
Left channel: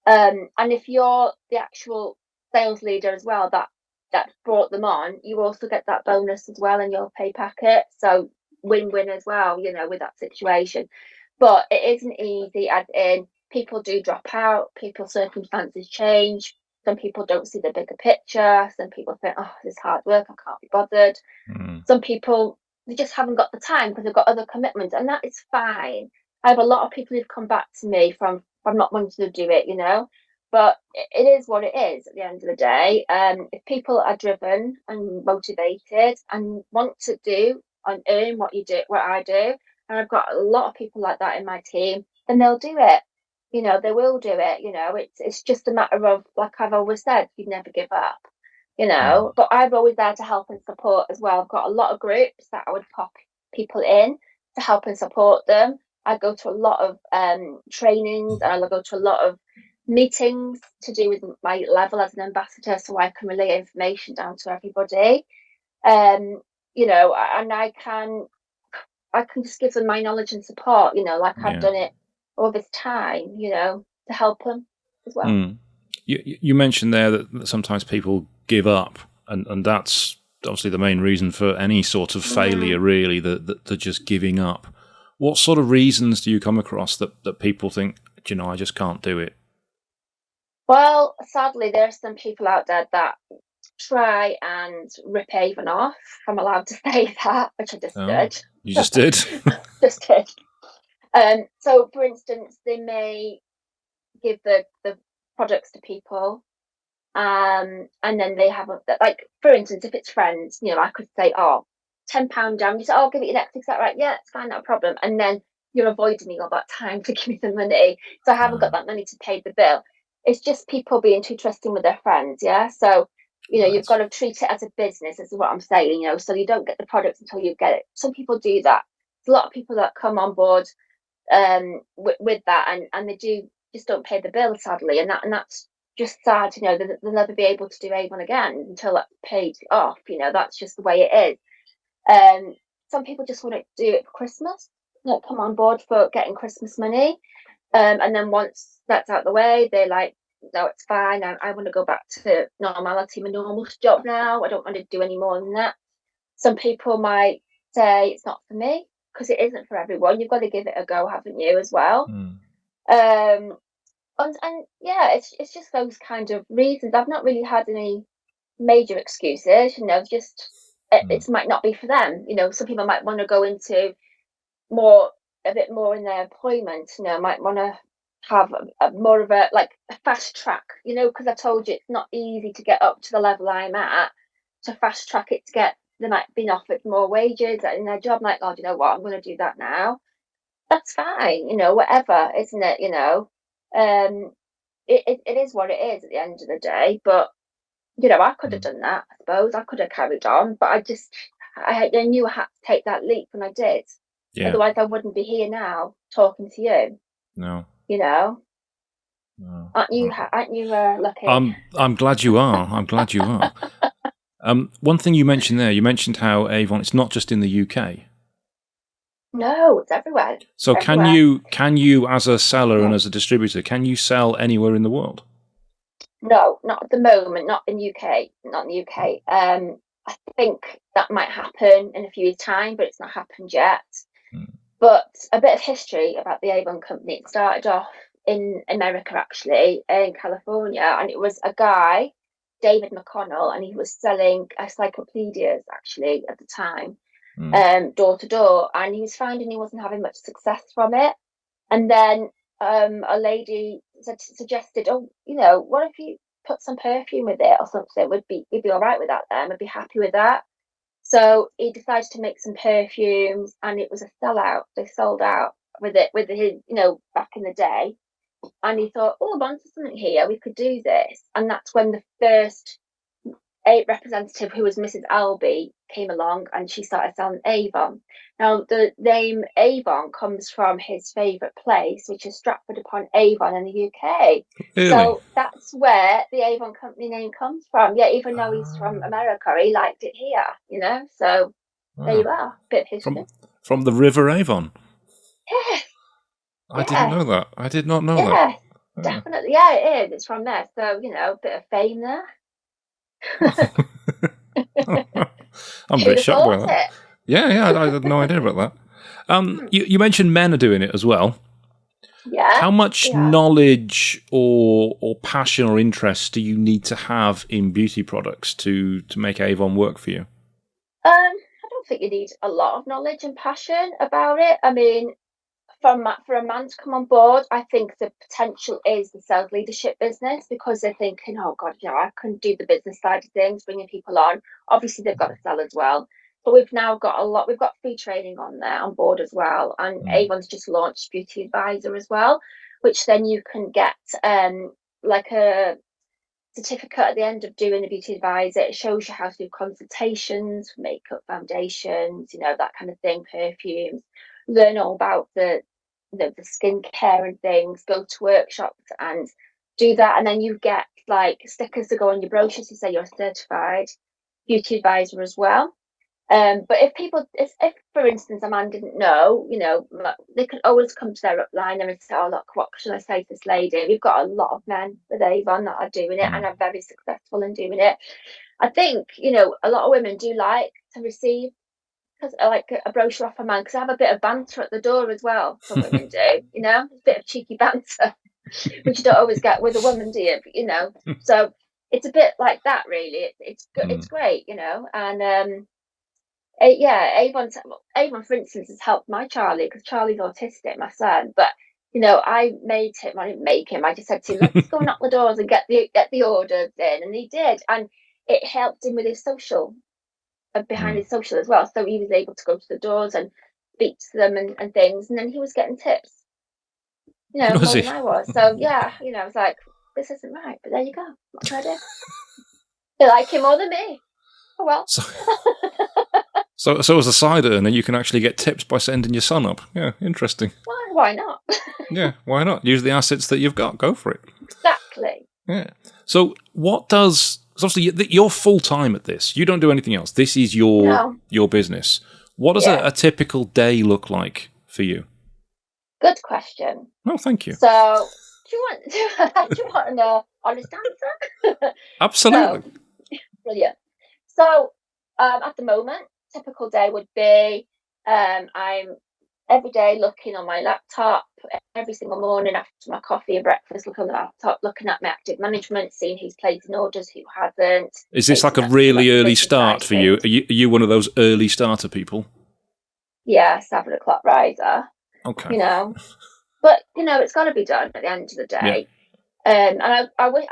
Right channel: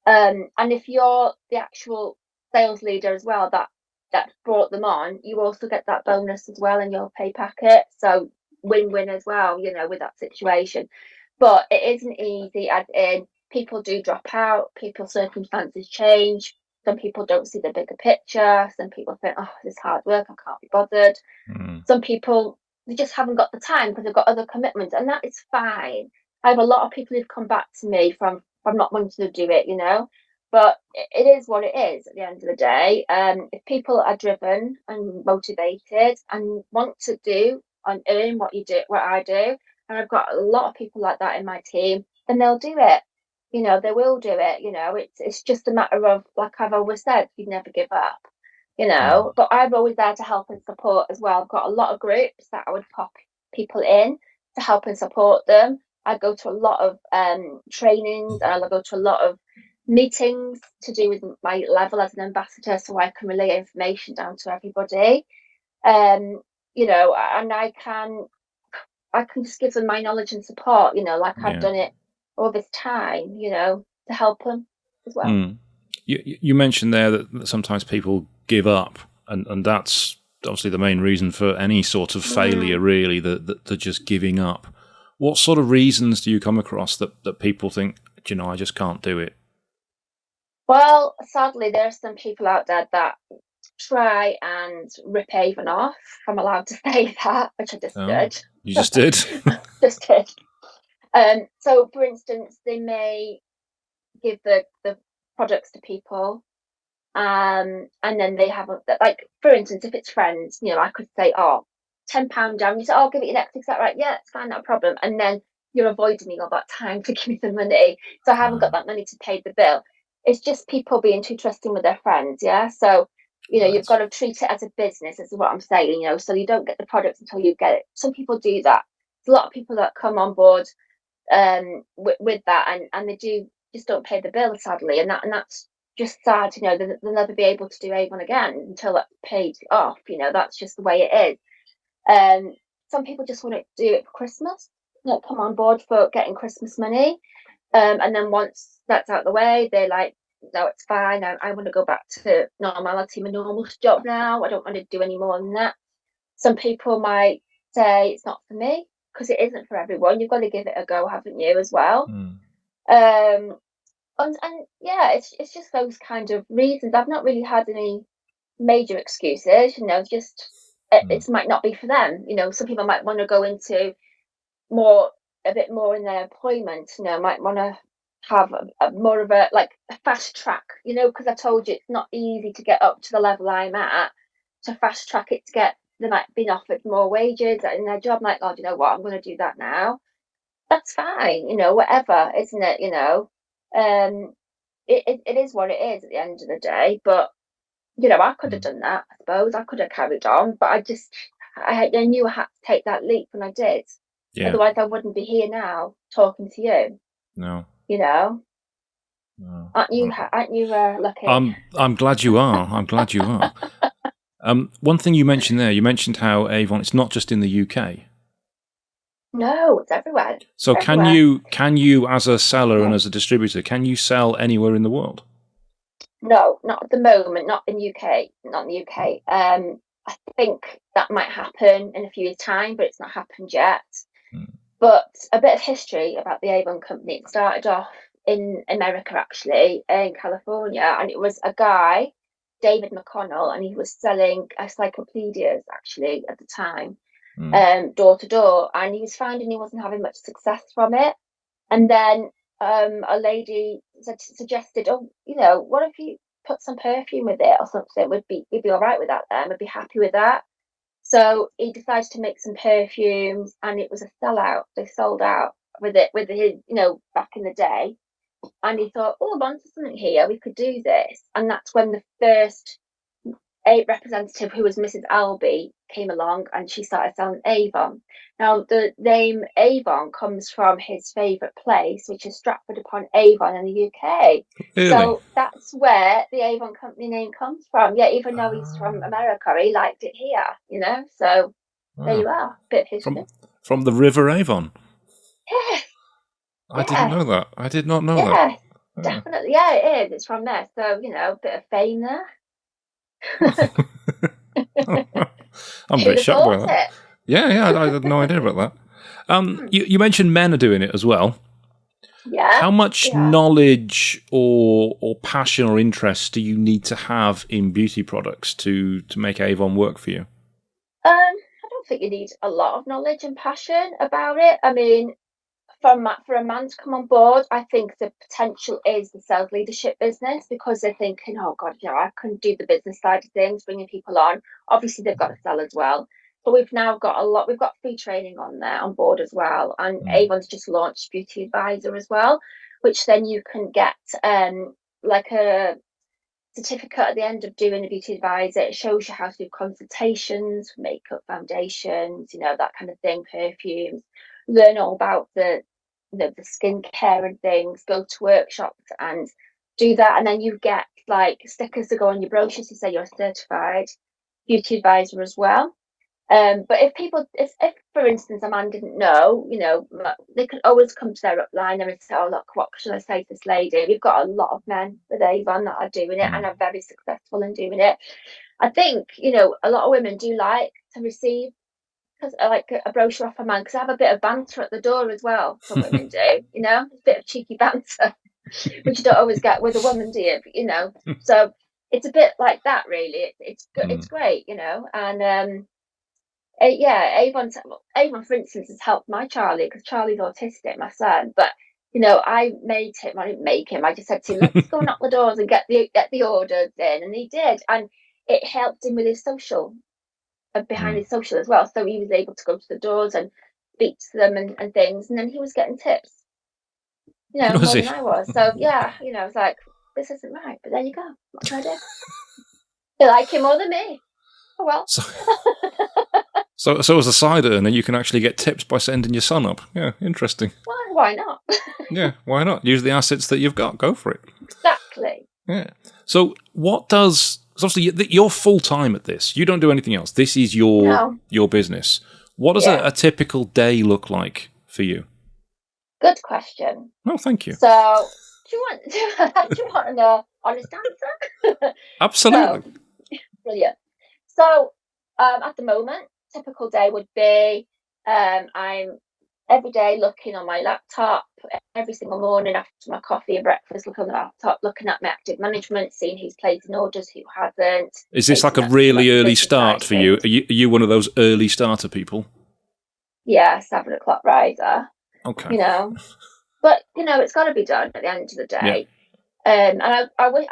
And if you're the actual sales leader as well, that brought them on, you also get that bonus as well in your pay packet. So win-win as well, with that situation. But it isn't easy, as in people do drop out, people's circumstances change, some people don't see the bigger picture. Some people think, oh, this is hard work, I can't be bothered. Mm. Some people, they just haven't got the time because they've got other commitments, and that is fine. I have a lot of people who've come back to me from not wanting to do it. But it is what it is at the end of the day. If people are driven and motivated and want to do and earn what I do, and I've got a lot of people like that in my team, then they'll do it. They will do it. It's just a matter of, like I've always said, you never give up. Mm. But I'm always there to help and support as well. I've got a lot of groups that I would pop people in to help and support them. I go to a lot of trainings, and I go to a lot of meetings to do with my level as an ambassador, so I can relay information down to everybody. Um, and I can just give them my knowledge and support, like I've Yeah. done it all this time, to help them as well. Mm. You mentioned there that sometimes people give up, and that's obviously the main reason for any sort of failure, Mm. really, that they're just giving up. What sort of reasons do you come across that people think, I just can't do it? Well, sadly, there are some people out there that try and rip Avon off. If I'm allowed to say that, which I just Oh, did. you just did? Just did. So for instance, they may give the products to people, and then they have like, for instance, if it's friends, I could say, oh, £10 down. You say, oh, I'll give it you next week. Is that right? Yeah, it's fine, not a problem. And then you're avoiding me all that time to give me the money, so I haven't got that money to pay the bill. It's just people being too trusting with their friends. Yeah, so you've Right. got to treat it as a business, is what I'm saying. So you don't get the products until you get it. Some people do that. There's a lot of people that come on board with that, and they do just don't pay the bill, sadly, and that's just sad. They'll never be able to do Avon again until that's paid off. That's just the way it is. Some people just want to do it for Christmas, come on board for getting Christmas money, and then once that's out the way, they're like, no, it's fine. I want to go back to normality, my normal job now. I don't want to do any more than that. Some people might say it's not for me, because it isn't for everyone. You've got to give it a go, haven't you, as well? Mm. Um, and yeah, it's just those kind of reasons. I've not really had any major excuses. Just Mm. it might not be for them. Some people might want to go into more a bit more in their employment. Might want to have more of a, like, a fast track. Because I told you it's not easy to get up to the level I'm at. To fast track it to get, they might be offered more wages in their job. Like, oh, do you know what? I'm going to do that now. That's fine. Whatever, isn't it? Um, it is what it is at the end of the day. But I could have Mm. done that. I suppose I could have carried on, but I knew I had to take that leap, and I did. Yeah. Otherwise, I wouldn't be here now talking to you. No. You know, No. aren't you? Right. Aren't you lucky? I'm glad you are. I'm glad you are. One thing you mentioned there, you mentioned how Avon, it's not just in the UK. No, it's everywhere. So Everywhere. can you as a seller and as a distributor, can you sell anywhere in the world? No, not at the moment. Not in UK. Not in the UK. I think that might happen in a few years' time, but it's not happened yet. Mm. But a bit of history about the Avon company. It started off in America, actually, in California, and it was a guy, David McConnell, and he was selling encyclopedias, actually, at the time, Mm. door to door, and he was finding he wasn't having much success from it. And then a lady suggested, oh, what if you put some perfume with it or something? We'd be all right with that then. We'd be happy with that. So he decided to make some perfumes, and it was a sellout. They sold out with it, with his, back in the day. And he thought, oh, I'm onto something here. We could do this. And that's when the first a representative, who was Mrs. Albee, came along, and she started selling Avon. Now, the name Avon comes from his favourite place, which is Stratford upon Avon in the UK. Really? So that's where the Avon company name comes from. Yeah, even though he's from Ah. America, he liked it here. So there Ah. you are, bit of history. From the River Avon. Yes, I didn't yes, know that. I did not know that. yes, Ah. definitely. Yeah, it is. It's from there. So, bit of fame there. I'm a Who'd bit have shocked by thought that. it? Yeah, yeah, I had no idea about that. You mentioned men are doing it as well. Yeah, How much yeah. knowledge or passion or interest do you need to have in beauty products to make Avon work for you? I don't think you need a lot of knowledge and passion about it. I mean, for a man to come on board, I think the potential is the sales leadership business, because they're thinking, oh God, I can do the business side of things, bringing people on. Obviously, they've got to sell as well. But we've now got a lot. We've got free training on there on board as well, and Mm. Avon's just launched Beauty Advisor as well, which then you can get like a certificate at the end of doing a beauty advisor. It shows you how to do consultations for makeup, foundations, that kind of thing, perfumes. Learn all about the skincare and things. Go to workshops and do that, and then you get like stickers to go on your brochures to say you're a certified beauty advisor as well. But if for instance, a man didn't know, they could always come to their upline and say, "Oh, look, what should I say to this lady?" We've got a lot of men with Avon that are doing it and Mm. are very successful in doing it. I think, a lot of women do like to receive because like a brochure off a man because I have a bit of banter at the door as well. Some women do, a bit of cheeky banter, which you don't always get with a woman, do you? So it's a bit like that, really. It's Mm. great, and. Yeah, Avon, for instance, has helped my Charlie because Charlie's autistic, my son. But I made him. I didn't make him. I just said to him, "Let's go knock the doors and get the orders in," and he did, and it helped him with his social, behind Mm. his social as well. So he was able to go to the doors and speak to them and things, and then he was getting tips, Was more than he? I was. So yeah, I was like, "This isn't right," but there you go. What can I do? They like him more than me. Oh well. So, so as a side earner, you can actually get tips by sending your son up. Yeah, interesting. Why not? Yeah, why not? Use the assets that you've got. Go for it. Exactly. Yeah. So what does? 'Cause obviously, you're full time at this. You don't do anything else. This is No. your business. What does Yeah. a typical day look like for you? Good question. Oh, thank you. So, do you want do you want an honest answer? So, Absolutely. brilliant. So, at the moment, typical day would be I'm every day looking on my laptop every single morning after my coffee and breakfast, look on the laptop, looking at my active management, seeing who's placing orders, who hasn't, Is this like a chasing up some really early reputation start side for you? things. Are you one of those early starter people? Yeah, 7 o'clock riser, Okay. you know. But it's got to be done at the end of the Yeah. day. And I would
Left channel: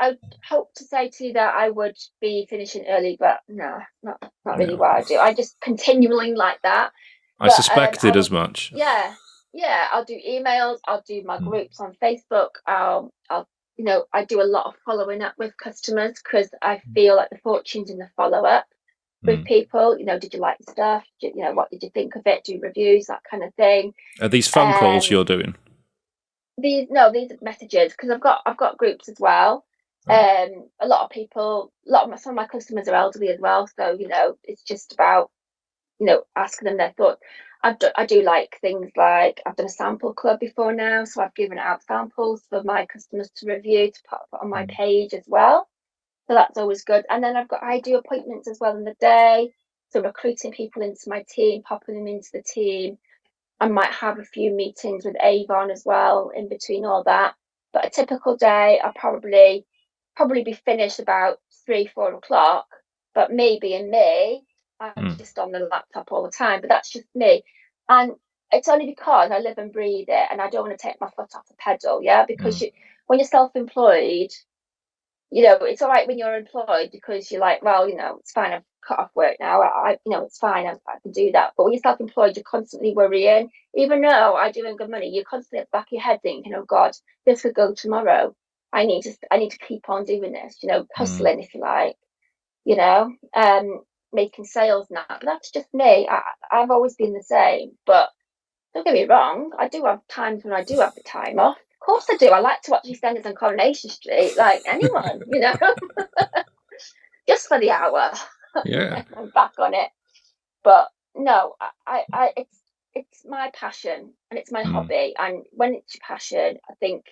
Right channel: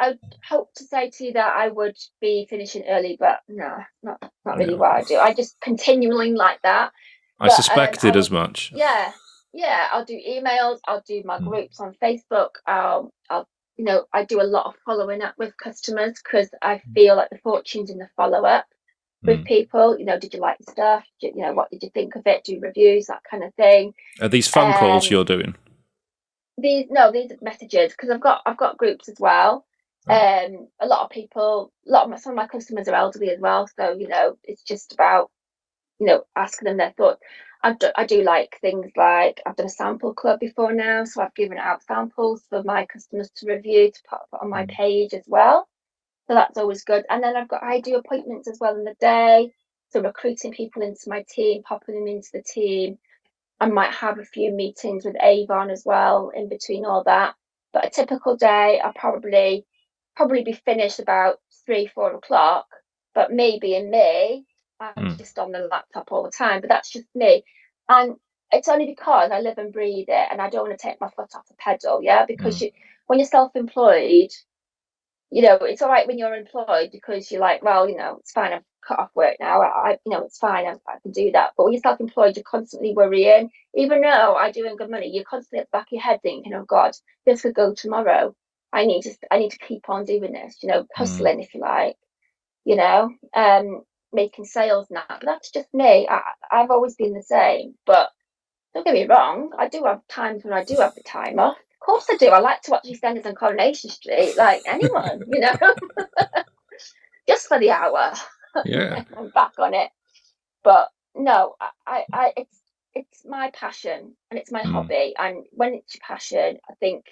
hope to say to you that I would be finishing early, but no, not really No. what I do. I just continuing like that. I But I suspected would, as much. yeah, yeah. I'll do emails. I'll do my Mm. groups on Facebook. I do a lot of following up with customers because I feel like the fortune's in the follow up with Mm. people. Did you like the stuff? What did you think of it? Do reviews, that kind of thing. Are these phone calls Um, you're doing? these are messages because I've got groups as well. Right. A lot of people, some of my customers are elderly as well, so it's just about asking them their thoughts. I do like things like I've done a sample club before now, so I've given out samples for my customers to review to put on my Mm. page as well. So that's always good. And then I do appointments as well in the day, so recruiting people into my team, popping them into the team. I might have a few meetings with Avon as well in between all that. But a typical day, I'll probably be finished about 3, 4 o'clock. But maybe in May, I'm Mm. just on the laptop all the time. But that's just me. And it's only because I live and breathe it and I don't want to take my foot off the pedal, yeah? Because Mm. when you're self-employed, it's all right when you're employed because you're like, well, it's fine. I've cut off work now. It's fine. I can do that. But when you're self-employed, you're constantly worrying. Even though I do earn good money, you're constantly at the back of your head thinking, oh God, this could go tomorrow. I need to keep on doing this. Mm. Hustling if you like. You know, um, making sales now. But that's just me. I've always been the same. But don't get me wrong, I do have times when I do have the time off. Of course I do. I like to watch EastEnders on Coronation Street, like anyone, just for the hour, and Yeah. then I'm back on it. But no, it's my passion and it's my Mm. hobby. And when it's your passion, I think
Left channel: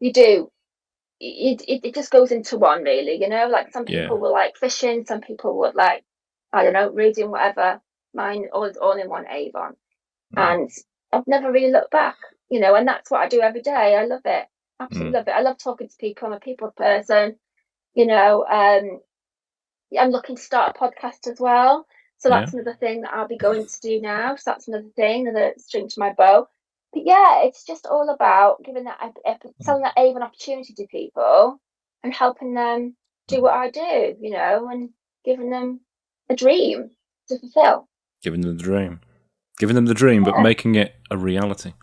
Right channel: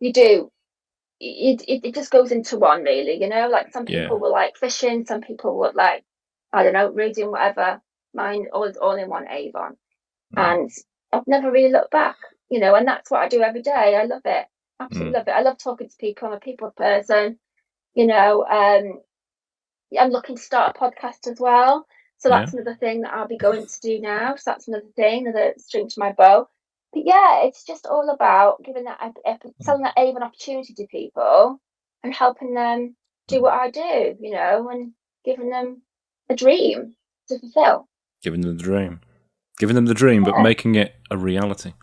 you do. It just goes into one, really. Like some Yeah. people will like fishing, some people would like, I don't know, reading, whatever. Mine all in one Avon. Mm. And I've never really looked back, and that's what I do every day. I love it, absolutely Mm. love it. I love talking to people. I'm a people person, you know. I'm looking to start a podcast as well, so Yeah. that's another thing that I'll be going to do now. So that's another thing, another string to my bow. But yeah, it's just all about giving selling that Avon opportunity to people and helping them do Mm. what I do, and giving them a dream. to fulfill. Giving them the dream. Giving them the dream, but Yeah. making it a reality.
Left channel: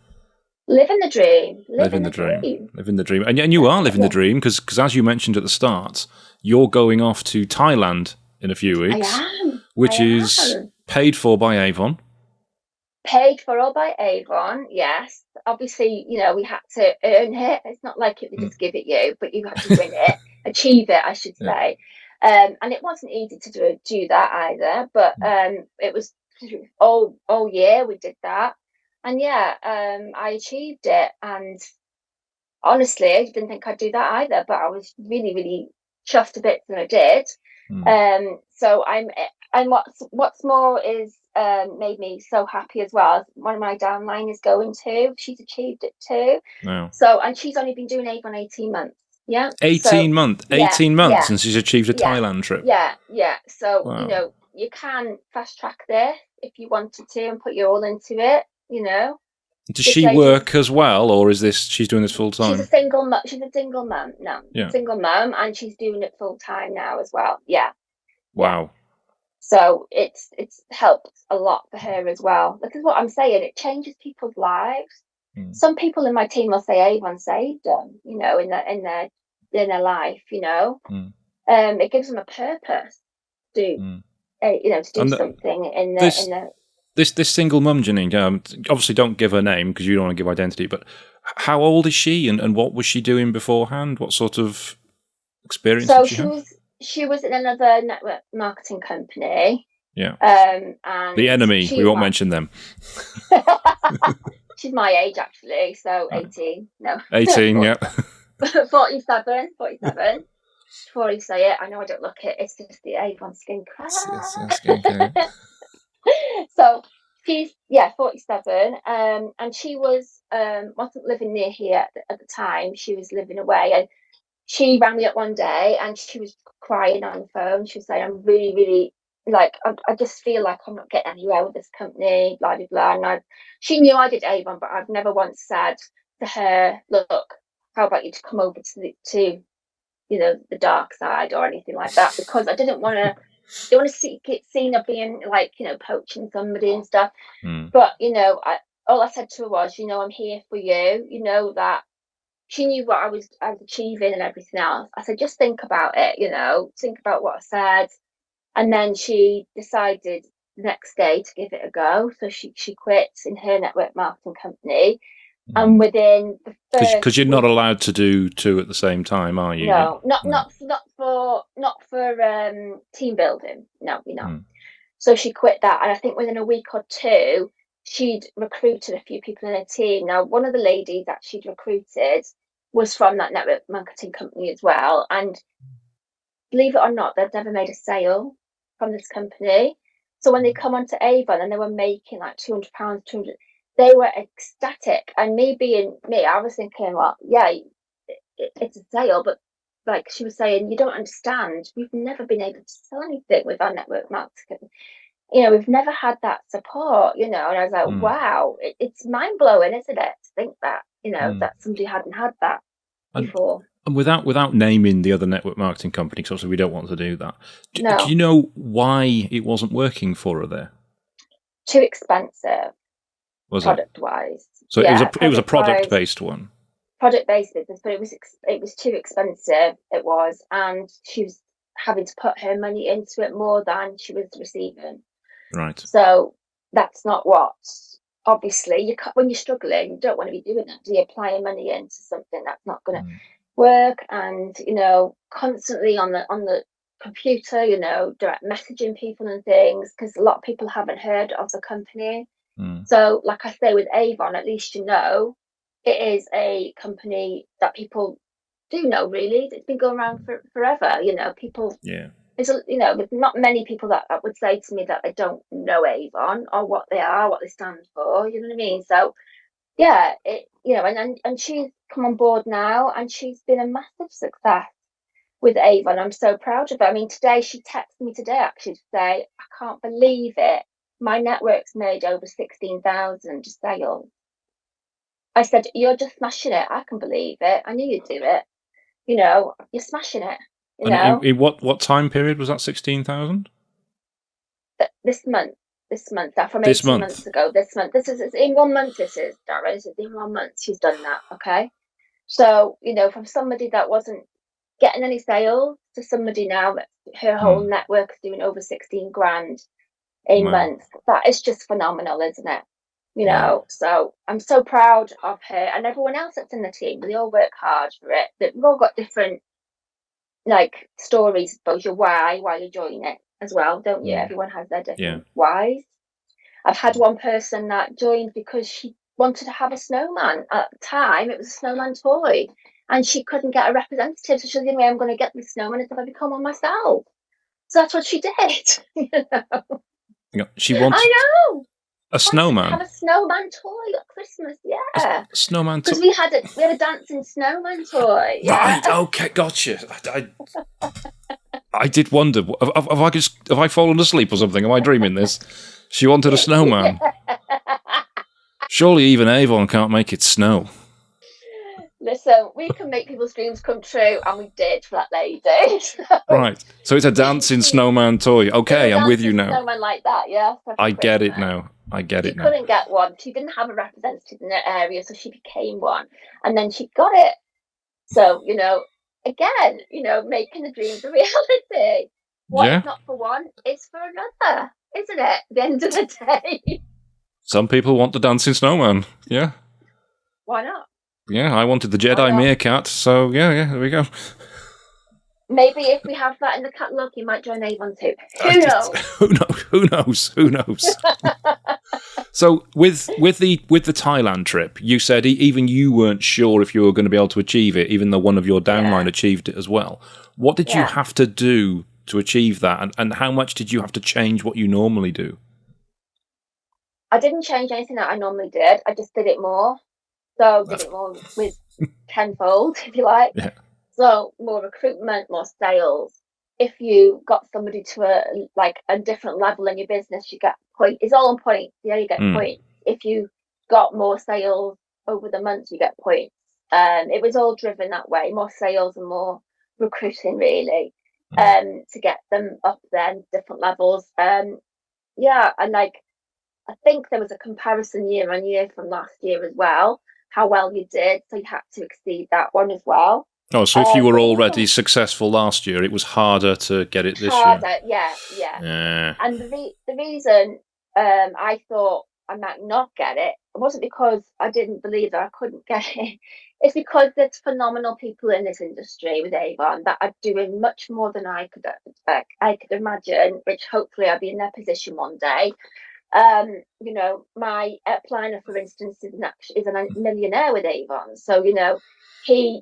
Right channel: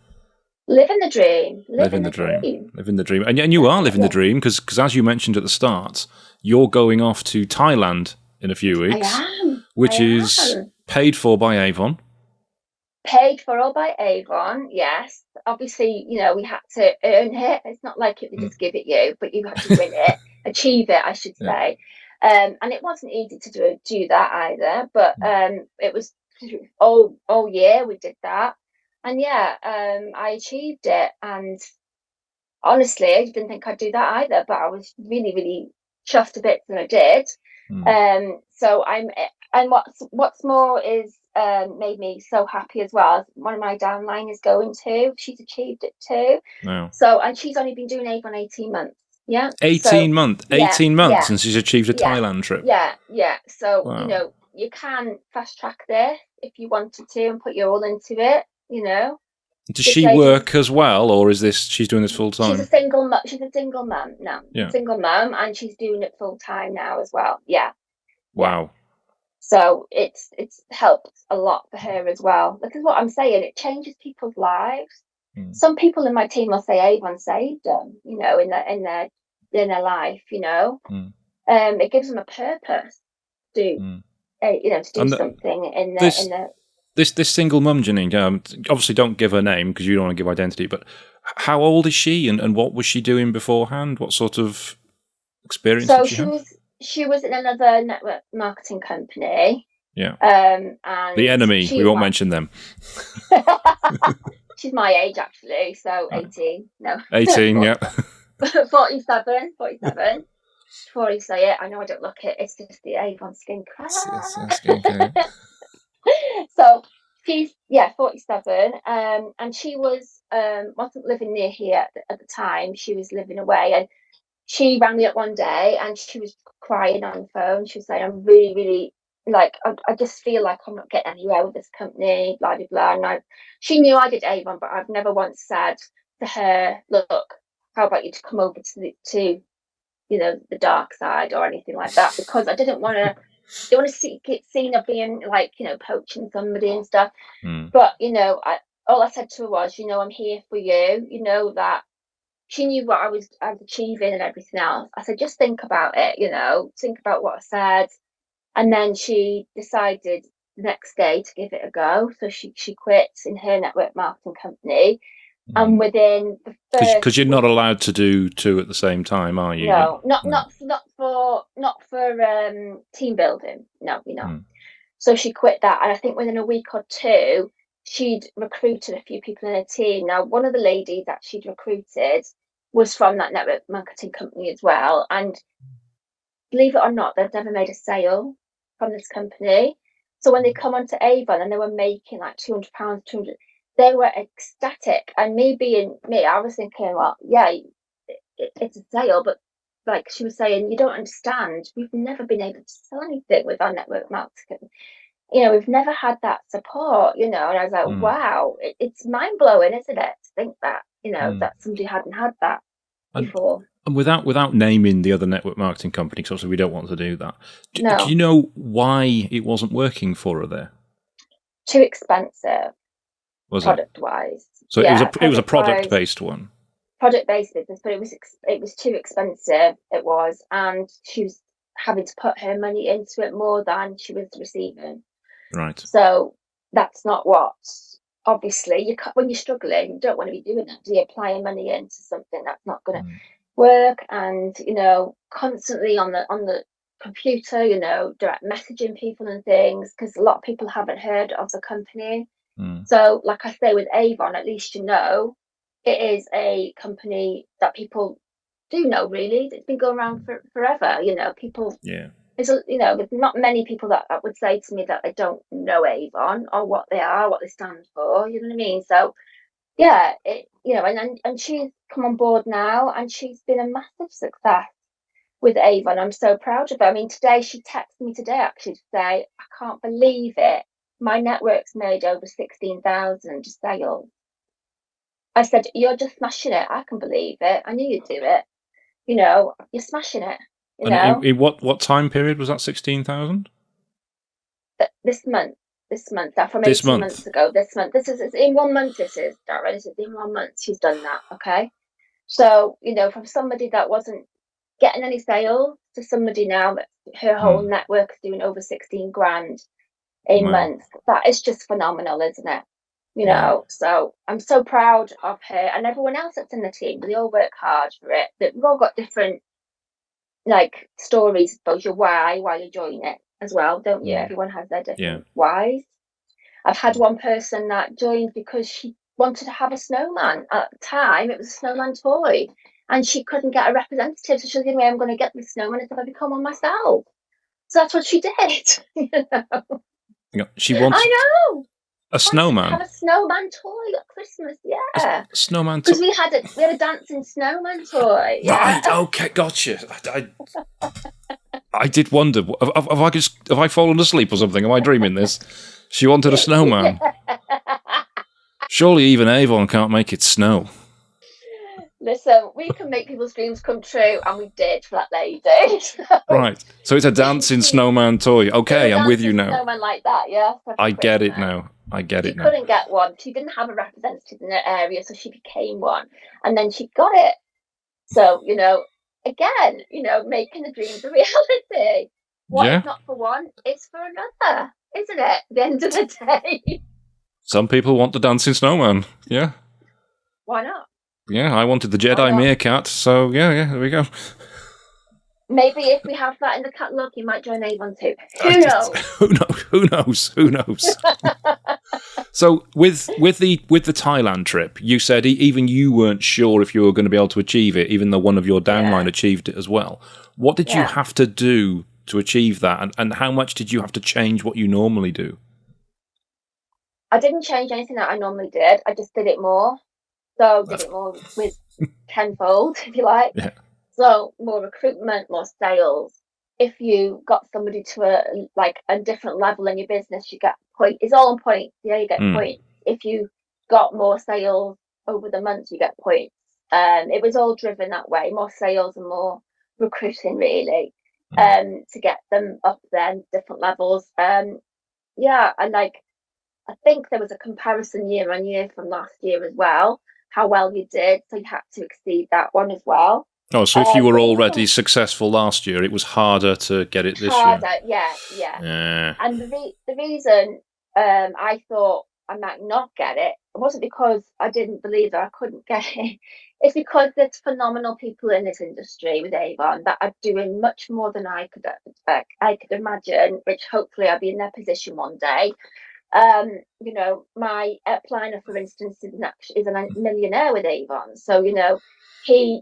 Living the dream. Living the dream. Living the dream. And you are living the dream because as you mentioned at the start, you're going off to Thailand in a few weeks, which is paid for by Avon. Paid for all by Avon, yes. Obviously, we had to earn it. It's not like it would just give it you, but you had to win it, achieve it, I should say. And it wasn't easy to do that either, but it was all year we did that. And I achieved it. And honestly, I didn't think I'd do that either, but I was really, really chuffed a bit that I did. So and what's more is made me so happy as well. One of my downline is going to. She's achieved it too. Wow. So and she's only been doing Avon 18 months. Yeah. 18 months. 18 months since she's achieved a Thailand trip. Yeah. So you can fast track this if you wanted to and put your all into it. Does she work as well, or is she's doing this full time? She's a single mum. She's a single mum now. Yeah. Single mum, and she's doing it full time now as well. Yeah. Wow. So it's helped a lot for her as well. Because what I'm saying, it changes people's lives. Some people in my team will say Avon saved them, in their life. It gives them a purpose to do something in the. This single mum, Janine, obviously don't give her name because you don't want to give identity, but how old is she and what was she doing beforehand? What sort of experience did she have? She was in another network marketing company. Yeah. And the enemy, we won't mention them. She's my age, actually, so 18. No. 18, yeah. 47. Before you say it, I know I don't look it. It's just the Avon skincare. Skincare. So she's 47, and she wasn't living near here at the time. She was living away, and she rang me up one day, and she was crying on the phone. She was saying, "I'm really, really I just feel like I'm not getting anywhere with this company, blah blah blah." And she knew I did Avon, but I've never once said to her, "Look, how about you to come over to the dark side or anything like that," because I didn't want to. They want to get seen of being poaching somebody and stuff. But all I said to her was, I'm here for you. That she knew what I was achieving and everything else. I said, just think about it. Think about what I said. And then she decided the next day to give it a go. So she quit in her network marketing company. And within the first, because you're not allowed to do two at the same time, are you? No, not for team building. No, you're not. So she quit that, and I think within a week or two, she'd recruited a few people in her team. Now, one of the ladies that she'd recruited was from that network marketing company as well, and believe it or not, they've never made a sale from this company. So when they come onto Avon and they were making like £200, 200. They were ecstatic, and me being me, I was thinking, well, yeah, it's a sale, but like she was saying, you don't understand. We've never been able to sell anything with our network marketing. We've never had that support. And I was like, wow, it's mind blowing, isn't it? To think that that somebody hadn't had that before. And without naming the other network marketing company, because obviously we don't want to do that. Do you know why it wasn't working for her there? Too expensive. Was product wise? So it was a product based one. Product based business, but it was too expensive. It was, and she was having to put her money into it more than she was receiving. Right. So that's not what. Obviously, when you're struggling, you don't want to be doing that. Do you applying money into something that's not going to work? And constantly on the computer, direct messaging people and things, because a lot of people haven't heard of the company. So, like I say, with Avon, at least it is a company that people do know. Really, it's been going around for forever. People. Yeah. There's not many people that would say to me that they don't know Avon or what they are, what they stand for. You know what I mean? So, yeah, and she's come on board now, and she's been a massive success with Avon. I'm so proud of her. I mean, today she texted me actually to say, I can't believe it. My network's made over 16,000 sales. I said, you're just smashing it. I can believe it. I knew you'd do it. You're smashing it. And in what time period was that 16,000? this month. That from This 18 month? months ago. This month. This is it's in 1 month. This is that right? This is in 1 month. She's done that. Okay. So from somebody that wasn't getting any sales to somebody now that her whole Hmm. network is doing over 16 grand a Wow. month. That is just phenomenal, isn't it? Yeah. So I'm so proud of her and everyone else that's in the team. They all work hard for it. We've all got different like stories about your why you join it as well, don't you? Hmm. Everyone has their Yeah. different whys. I've had one person that joined because she wanted to have a snowman. At the time, it was a snowman toy, and she couldn't get a representative. So she was the only way I'm going to get the snowman is if I become one myself. So that's what she did. Yeah. She I wanted know. a Wanted to have snowman. a snowman toy at Christmas, A yeah. snowman. Because we had a dancing snowman toy, yeah. Right. Okay. Gotcha. I did wonder. Have I fallen asleep or something? Am I dreaming this? She wanted a snowman. Surely even Avon can't make it snow. Listen, we can make people's dreams come true, and we did for that lady. So Right. So it's a dancing she snowman toy. It's a Okay, I'm with you dancing now. snowman like that, yeah, for I get it Christmas. now. I get She it now. couldn't get one. She didn't have a representative in her area, so she became one. And then she got it. So, again, making the dreams a reality. What is Yeah. not for one is for another, isn't it? At the end of the day. Some people want the dancing snowman. Yeah. Why not? Yeah. I wanted the Why Jedi not? meerkat. So yeah. There we go. Maybe if we have that in the catalogue, you might join Avon too. Who knows? Who knows? Who knows? Who knows? So with the Thailand trip, you said even you weren't sure if you were going to be able to achieve it, even though one of your downline Yeah, achieved it as well. What did you yeah. have to do to achieve that, and how much did you have to change what you normally do? I didn't change anything that I normally did. I just did it more. So did That's it more with tenfold, if you like. yeah. So more recruitment, more sales. If you got somebody to a different level in your business, you get point. It's all on points. Yeah, you get Mm, points. If you got more sales over the months, you get points. It was all driven that way. More sales and more recruiting, really, mm, to get them up then different levels. Yeah, and I think there was a comparison year on year from last year as well, how well you did. So you had to exceed that one as well. Oh, so if you were But already successful last year, it was harder to get it this year. harder, yeah, yeah. Yeah. And the reason I thought I might not get it wasn't because I didn't believe that I couldn't get it. It's because there's phenomenal people in this industry with Avon that are doing much more than I could imagine, which hopefully I'll be in their position one day. My planner, for instance, is a millionaire with Avon. So, he,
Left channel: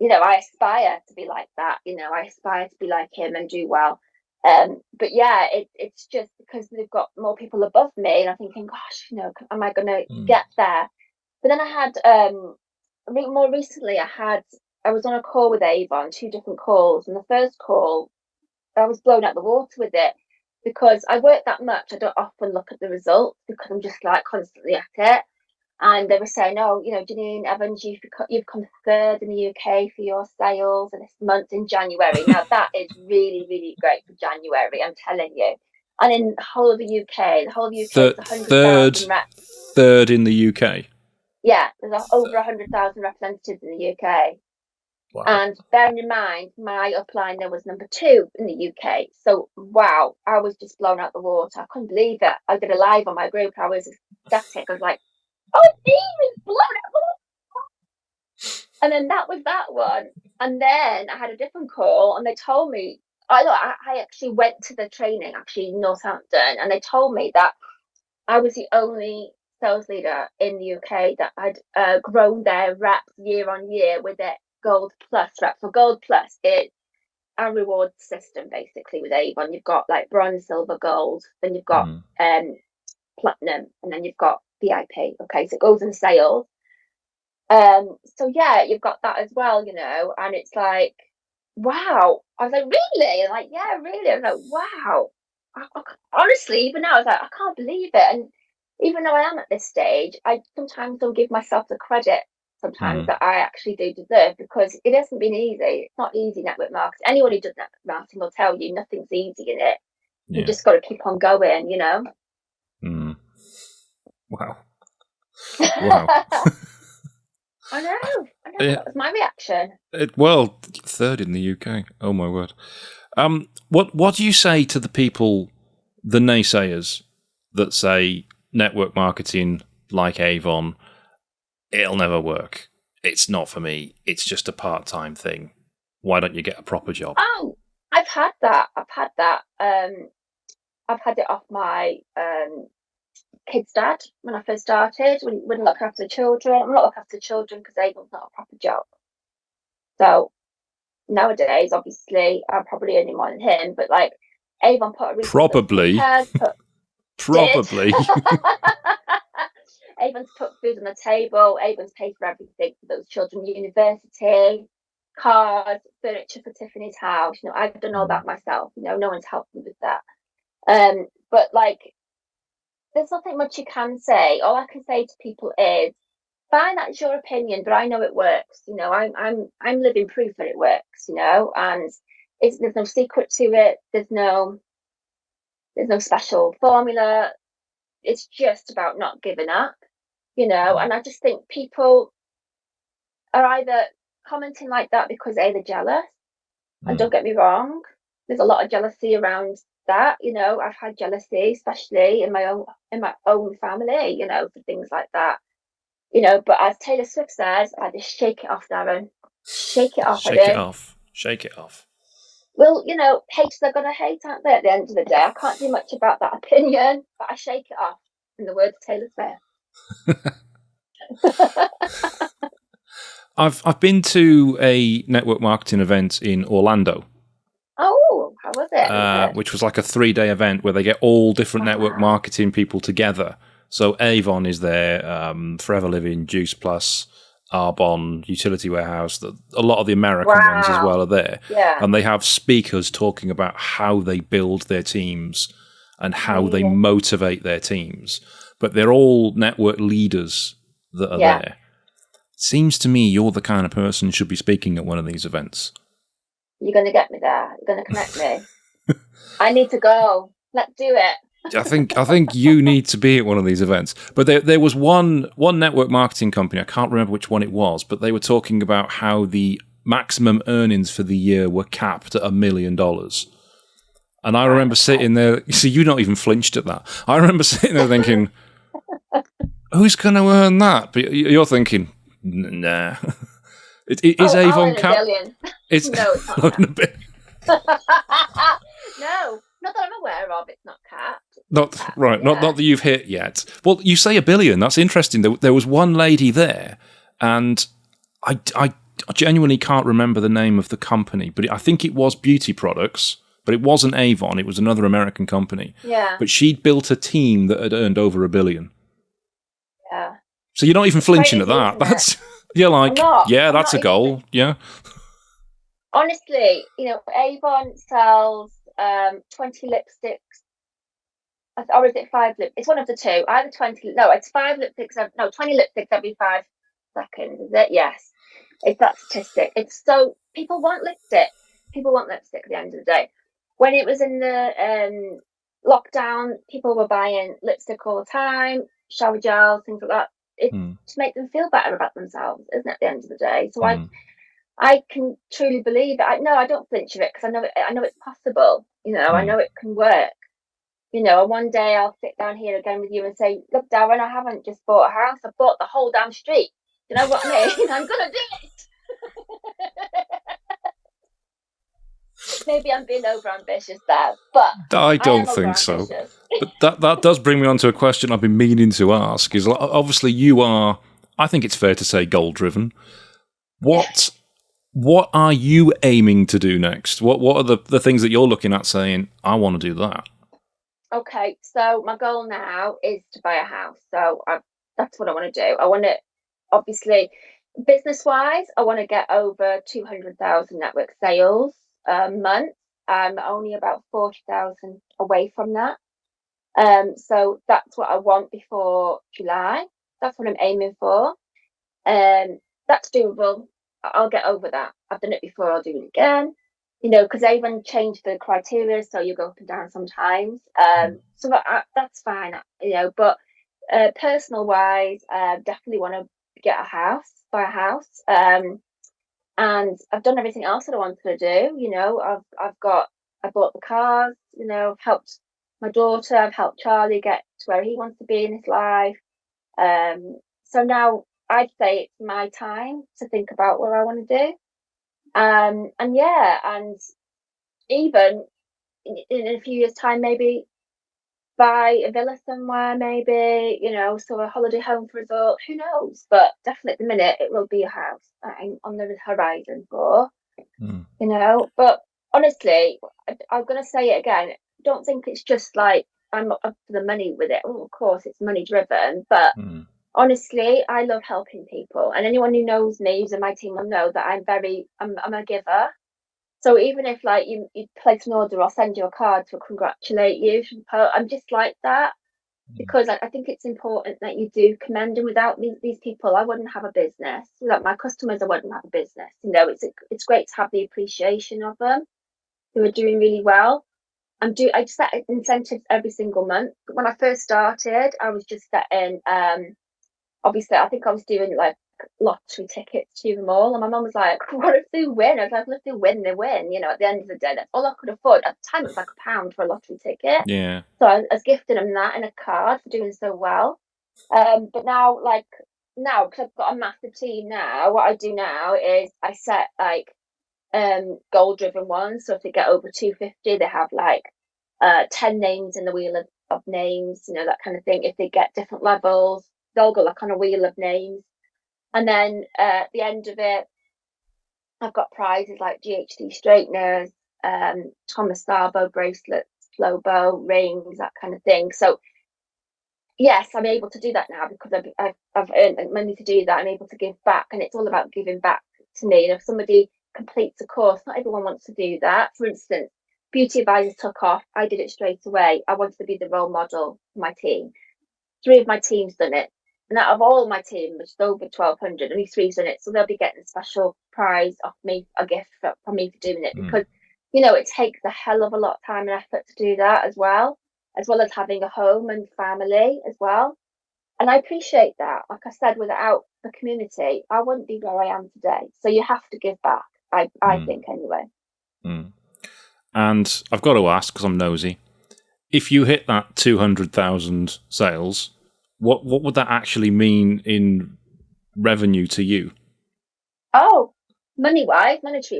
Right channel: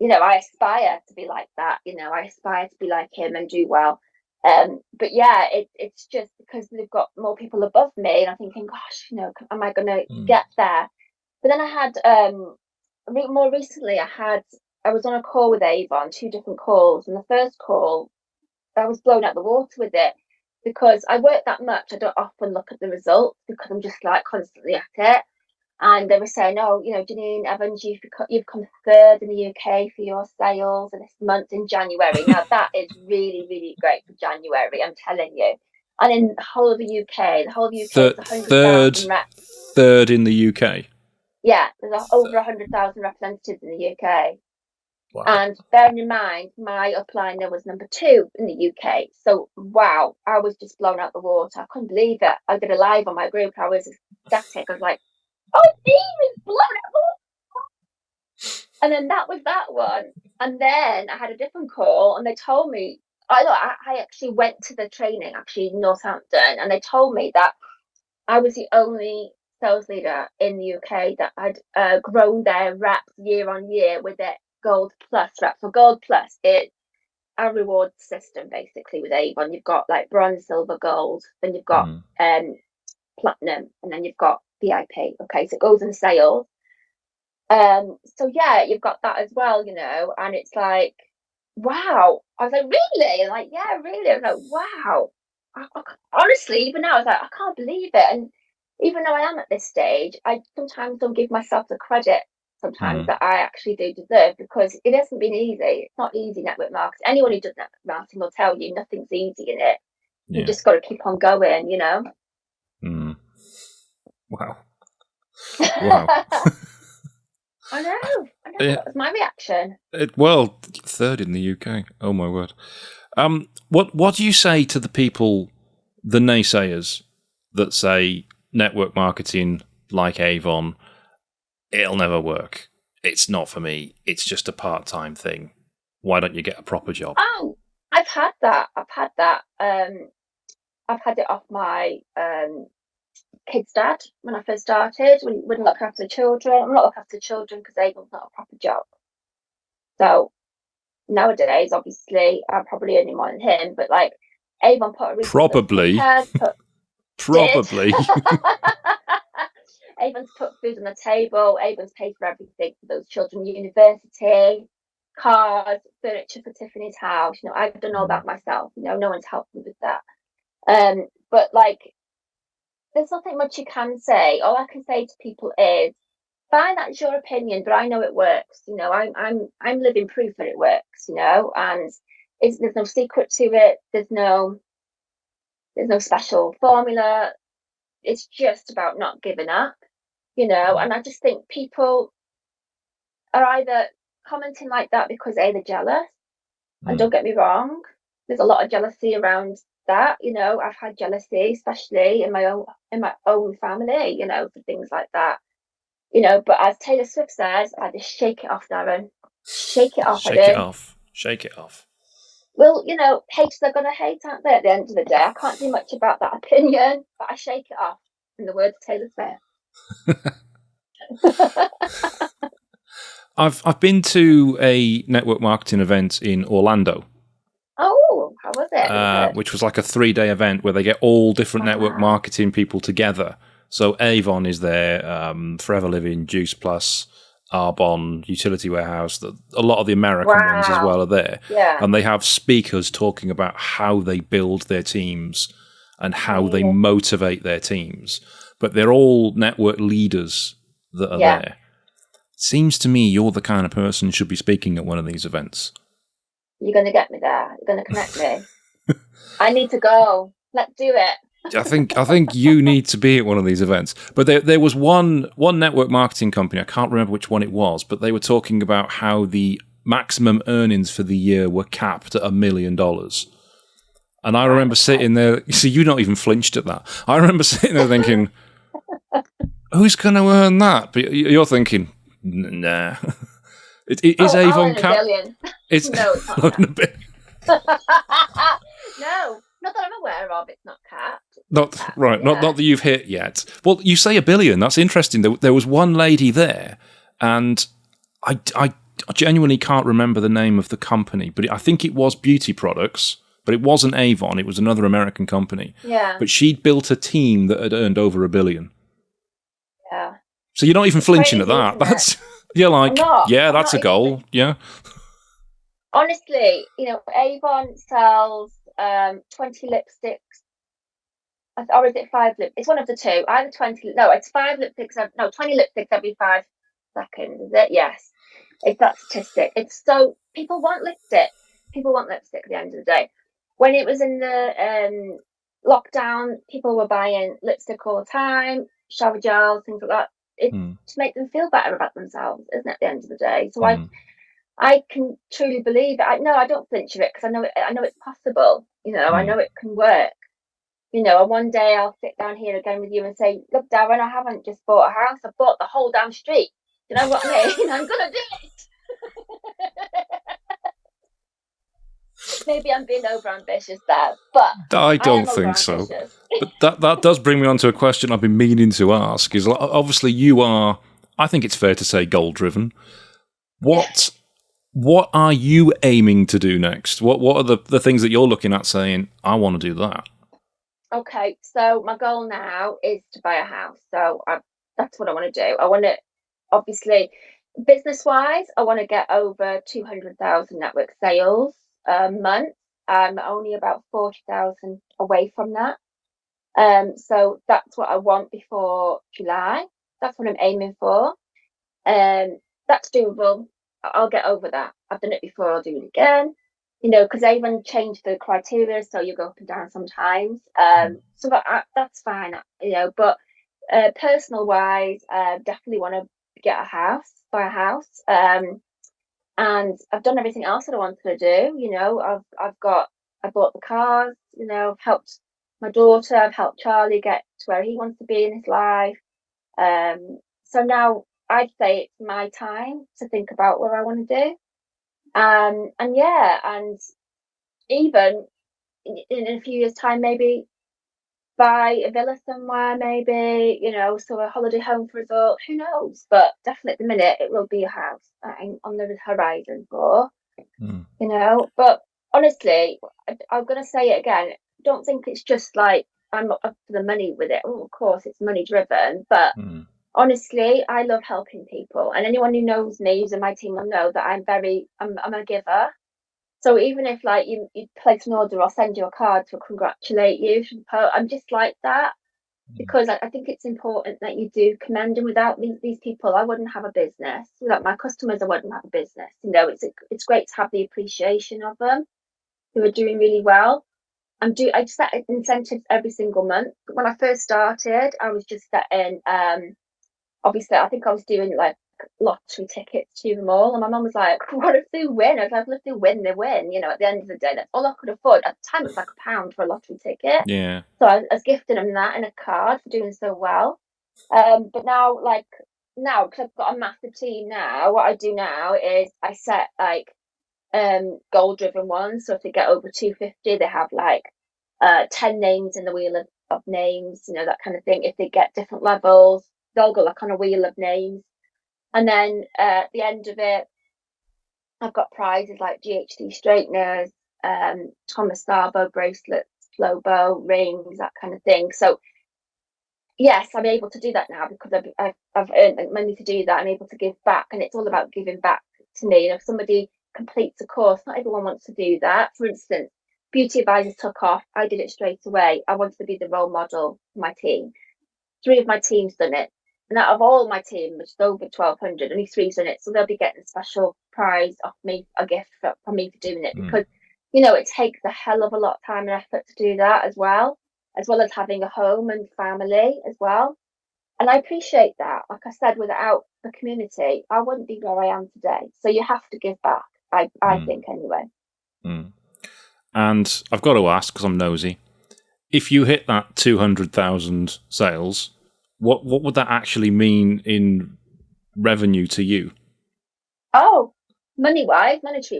I aspire to be like that. I aspire to be like him and do well. But yeah, it's just because they've got more people above me, and I'm thinking, gosh, am I going to Mm. get there? But then I had, more recently, I was on a call with Avon, two different calls, and the first call I was blown out the water with it because I work that much. I don't often look at the results because I'm just like constantly at it. And they were saying, oh, Janine Evans, you've come third in the UK for your sales in this month in January. Now that is really, really great for January, I'm telling you. And in the whole of the UK is Third, 100,000 reps. third in the UK. Yeah, there's over 100,000 representatives in the UK. Wow. And bearing in mind, my upliner was number two in the UK. So, wow, I was just blown out the water. I couldn't believe it. I did a live on my group. I was ecstatic. I was like, oh, Steve is blown out the water. And then that was that one. And then I had a different call and they told me, I actually went to the training, actually in Northampton, and they told me that I was the only sales leader in the UK that had grown their reps year on year with their Gold Plus reps. So Gold Plus is a reward system basically with Avon. You've got like bronze, silver, gold, then you've got Mm. platinum, and then you've got VIP. Okay, so it goes in sales. So yeah, you've got that as well, and it's like, wow. I was like, really? And like, yeah, really. I was like, wow. Honestly, even now, I was like, I can't believe it. And even though I am at this stage, I sometimes don't give myself the credit sometimes Mm. that I actually do deserve because it hasn't been easy. It's not easy network marketing. Anyone who does network marketing will tell you nothing's easy in it. You Yeah. just got to keep on going, Mm. Wow. Wow. I know. Yeah. That was my reaction. Well, third in the UK. Oh my word. What do you say to the people, the naysayers, that say network marketing like Avon, it'll never work. It's not for me. It's just a part-time thing. Why don't you get a proper job? Oh, I've had that. I've had it off my kid's dad when I first started. Wouldn't look after the children. I'm not looking after the children because Avon's not a proper job. So nowadays, obviously, I'm probably earning more than him. But like, Avon put a roof over the Probably. head. Did. Probably. Avon's put food on the table. Avon's paid for everything for those children, university, cars, furniture for Tiffany's house. I've done all that myself. No one's helped me with that. But like, there's nothing much you can say. All I can say to people is, fine, that's your opinion, but I know it works. I'm living proof that it works. And there's no secret to it. There's no special formula. It's just about not giving up. And I just think people are either commenting like that because they're jealous. And don't get me wrong, there's a lot of jealousy around that. I've had jealousy, especially in my own family, for things like that. But as Taylor Swift says, I just shake it off, Darren. Shake it off, I Shake it do. off. Shake it off. Well, haters are gonna hate, aren't they, at the end of the day? I can't do much about that opinion, but I shake it off, in the words of Taylor Swift. I've been to a network marketing event in Orlando. Oh, how was it? Which was like a 3-day event where they get all different network marketing people together. So Avon is there, Forever Living, Juice Plus, Arbonne, Utility Warehouse. A lot of the American ones as well are there. Yeah. And they have speakers talking about how they build their teams and how they motivate their teams. But they're all network leaders that are there. Seems to me you're the kind of person who should be speaking at one of these events. You're going to get me there. You're going to connect me. I need to go. Let's do it. I think you need to be at one of these events. But there was one network marketing company, I can't remember which one it was, but they were talking about how the maximum earnings for the year were capped at $1 million. And I remember sitting there, you see, you not even flinched at that. I remember sitting there thinking, who's going to earn that? But you're thinking, nah. Is Avon capped? It's no, it's not. No, not that I'm aware of. It's not capped. Not right. Yeah. Not that you've hit yet. Well, you say $1 billion. That's interesting. There was one lady there, and I genuinely can't remember the name of the company, but I think it was beauty products. But it wasn't Avon. It was another American company. Yeah. But she'd built a team that had earned over $1 billion. Yeah. So you're not even flinching at that. That's you're like, yeah, that's a goal. Yeah. Honestly, Avon sells 20 lipsticks. Or is it 5 lip? It's one of the two. Either 20. No, it's 5 lipsticks. 20 lipsticks every 5 seconds. Is it? Yes. It's that statistic. It's so people want lipstick. People want lipstick at the end of the day. When it was in the lockdown, people were buying lipstick all the time, shower gels, things like that. It's to make them feel better about themselves, isn't it? At the end of the day, so I can truly believe it. I don't flinch of it because I know it's possible. I know it can work. And one day I'll sit down here again with you and say, look, Darren, I haven't just bought a house, I bought the whole damn street. You know what I mean? I'm gonna do it. Maybe I'm being over ambitious there, but I don't think so. But that does bring me on to a question I've been meaning to ask. Is obviously you are, I think it's fair to say, goal driven. What are you aiming to do next? What are the things that you're looking at saying, I want to do that? Okay, so my goal now is to buy a house. So that's what I want to do. I want to, obviously, business-wise, I want to get over 200,000 network sales a month. I'm only about 40,000 away from that. So that's what I want before July. That's what I'm aiming for. That's doable. I'll get over that. I've done it before. I'll do it again. because Avon changed the criteria, so you go up and down sometimes. So that's fine, but personal wise, definitely want to get a house, buy a house. And I've done everything else that I wanted to do. I bought the cars. I've helped my daughter. I've helped Charlie get to where he wants to be in his life. So now I'd say it's my time to think about what I want to do. And yeah, and even in a few years' time, maybe buy a villa somewhere, maybe, so a holiday home for us all. Who knows? But definitely at the minute, it will be a house that I'm on the horizon for, Mm. But honestly, I'm going to say it again. Don't think it's just like I'm up for the money with it. Oh, of course, it's money driven, but Mm. honestly, I love helping people. And anyone who knows me, who's in my team, will know that I'm a giver. So even if like you place an order, I'll send you a card to congratulate you. I'm just like that because I think it's important that you do commend them. Without these people, I wouldn't have a business. Without my customers, I wouldn't have a business. It's great to have the appreciation of them who are doing really well. I just set incentives every single month. When I first started, I was just setting obviously I think I was doing like lottery tickets to them all. And my mum was like, what if they win? I was like, well, if they win, they win. At the end of the day, that's all I could afford. At the time, it was like £1 for a lottery ticket. Yeah. So I was gifting them that in a card for doing so well. But now, because I've got a massive team now, what I do now is I set like goal driven ones. So if they get over 250, they have like 10 names in the wheel of names, that kind of thing. If they get different levels, they'll go like on a wheel of names. And then at the end of it, I've got prizes like GHD straighteners, Thomas Starbo bracelets, Flobo rings, that kind of thing. So yes, I'm able to do that now because I've earned money to do that. I'm able to give back, and it's all about giving back to me. If somebody completes a course, not everyone wants to do that. For instance, beauty advisors took off. I did it straight away. I wanted to be the role model for my team. 3 of my team's done it. And out of all my team, which is over 1,200, only 3's done it. So they'll be getting a special prize off me, a gift from me for doing it. Mm. Because, it takes a hell of a lot of time and effort to do that as well as having a home and family as well. And I appreciate that. Like I said, without the community, I wouldn't be where I am today. So you have to give back, I Mm. think, anyway. Mm. And I've got to ask, because I'm nosy, if you hit that 200,000 sales, what would that actually mean in revenue to you? Oh, monetary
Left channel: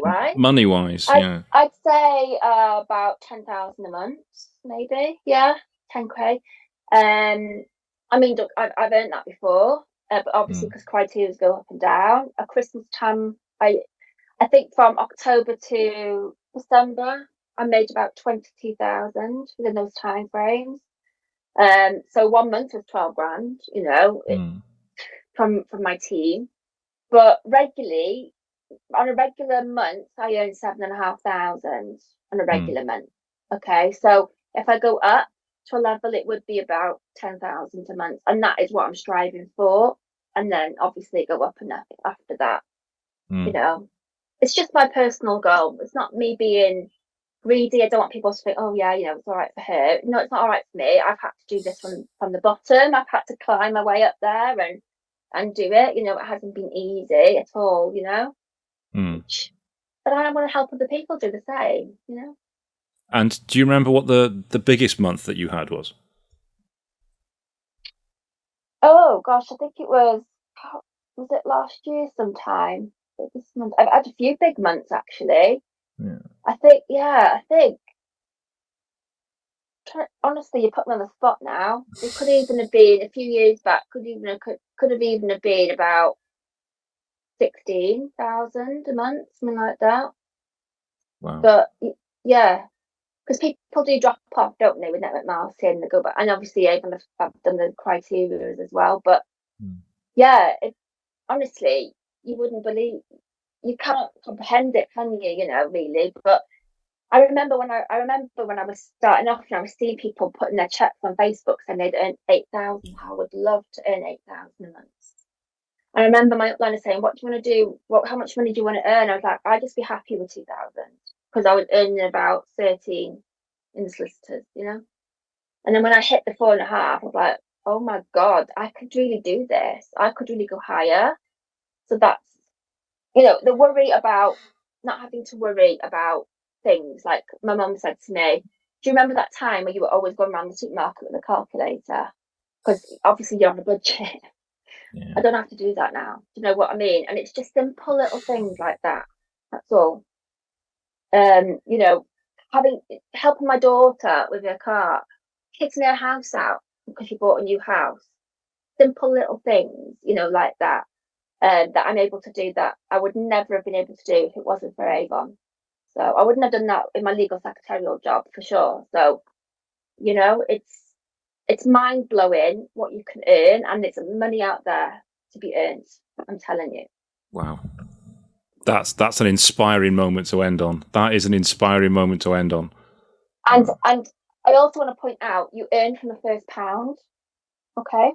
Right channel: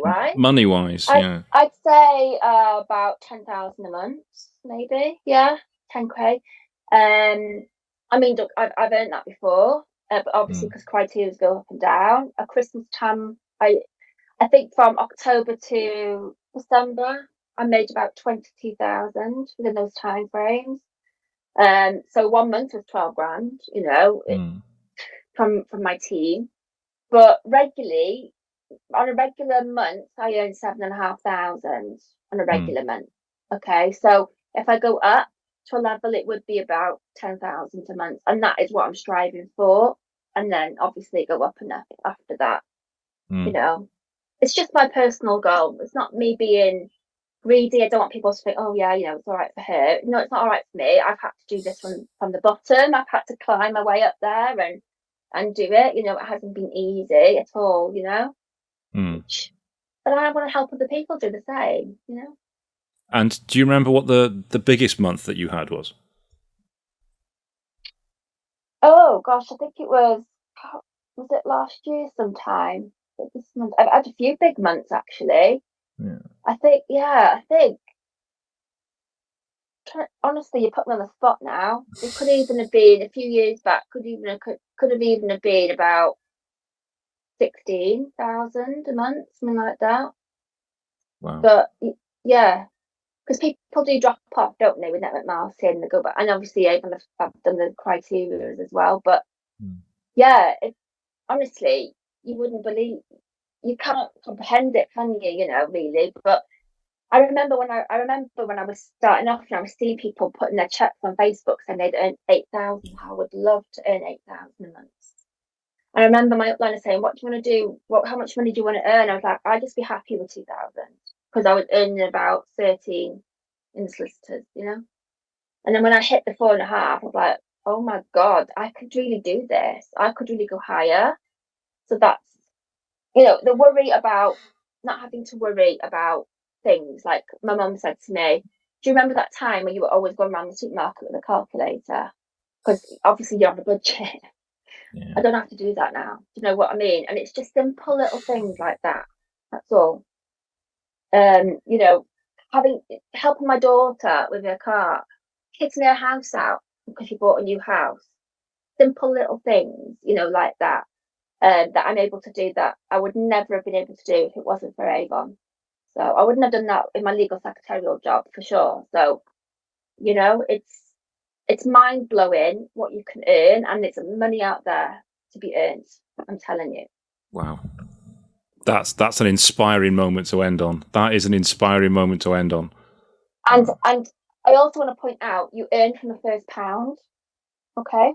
wise. Money wise, yeah. I'd say about 10,000 a month, maybe. Yeah, 10K. I mean, look, I've earned that before, but obviously Mm. because criteria go up and down. At Christmas time, I think from October to December, I made about 22,000 within those time frames. So 1 month was 12 grand, Mm. from my team. But regularly, on a regular month, I earn 7,500 on a Mm. regular month. Okay, so if I go up to a level, it would be about 10,000 a month, and that is what I'm striving for. And then obviously go up and up after that. You Mm. know, it's just my personal goal. It's not me being greedy. I don't want people to think, oh yeah, it's all right for her. No, it's not all right for me. I've had to do this from the bottom. I've had to climb my way up there and do it. It hasn't been easy at all. Mm. But I want to help other people do the same. And do you remember what the biggest month that you had was? Oh gosh, I think was it last year sometime? This month, I've had a few big months actually. Yeah. I think. Honestly, you put me on the spot now. It could even have been a few years back. Could have even have been about 16,000 a month, something like that. Wow. But yeah, because people do drop off, don't they, with network marketing? They go back, and obviously, I've done the criteria as well. But Mm. yeah, honestly, you wouldn't believe, you can't comprehend it, can you? Really. But I remember when I was starting off, and I was seeing people putting their checks on Facebook saying they'd earn 8,000. I would love to earn 8,000 a month. I remember my upliner saying, "What do you want to do? How much money do you want to earn?" I was like, "I'd just be happy with 2,000." because I was earning about 13 in solicitors, you know. And then when I hit the 4.5, I was like, oh my God, I could really do this. I could really go higher. So that's, the worry about not having to worry about things. Like my mum said to me, do you remember that time when you were always going around the supermarket with a calculator? Because obviously you have a budget. Yeah. I don't have to do that now. Do you know what I mean? And it's just simple little things like that. That's all. You know, helping my daughter with her car, kitting her house out because she bought a new house. Simple little things, like that. That I'm able to do that I would never have been able to do if it wasn't for Avon. So I wouldn't have done that in my legal secretarial job for sure. So, it's mind blowing what you can earn, and there's money out there to be earned. I'm telling you. Wow. That's an inspiring moment to end on. That is an inspiring moment to end on. And I also want to point out, you earn from the first pound. Okay,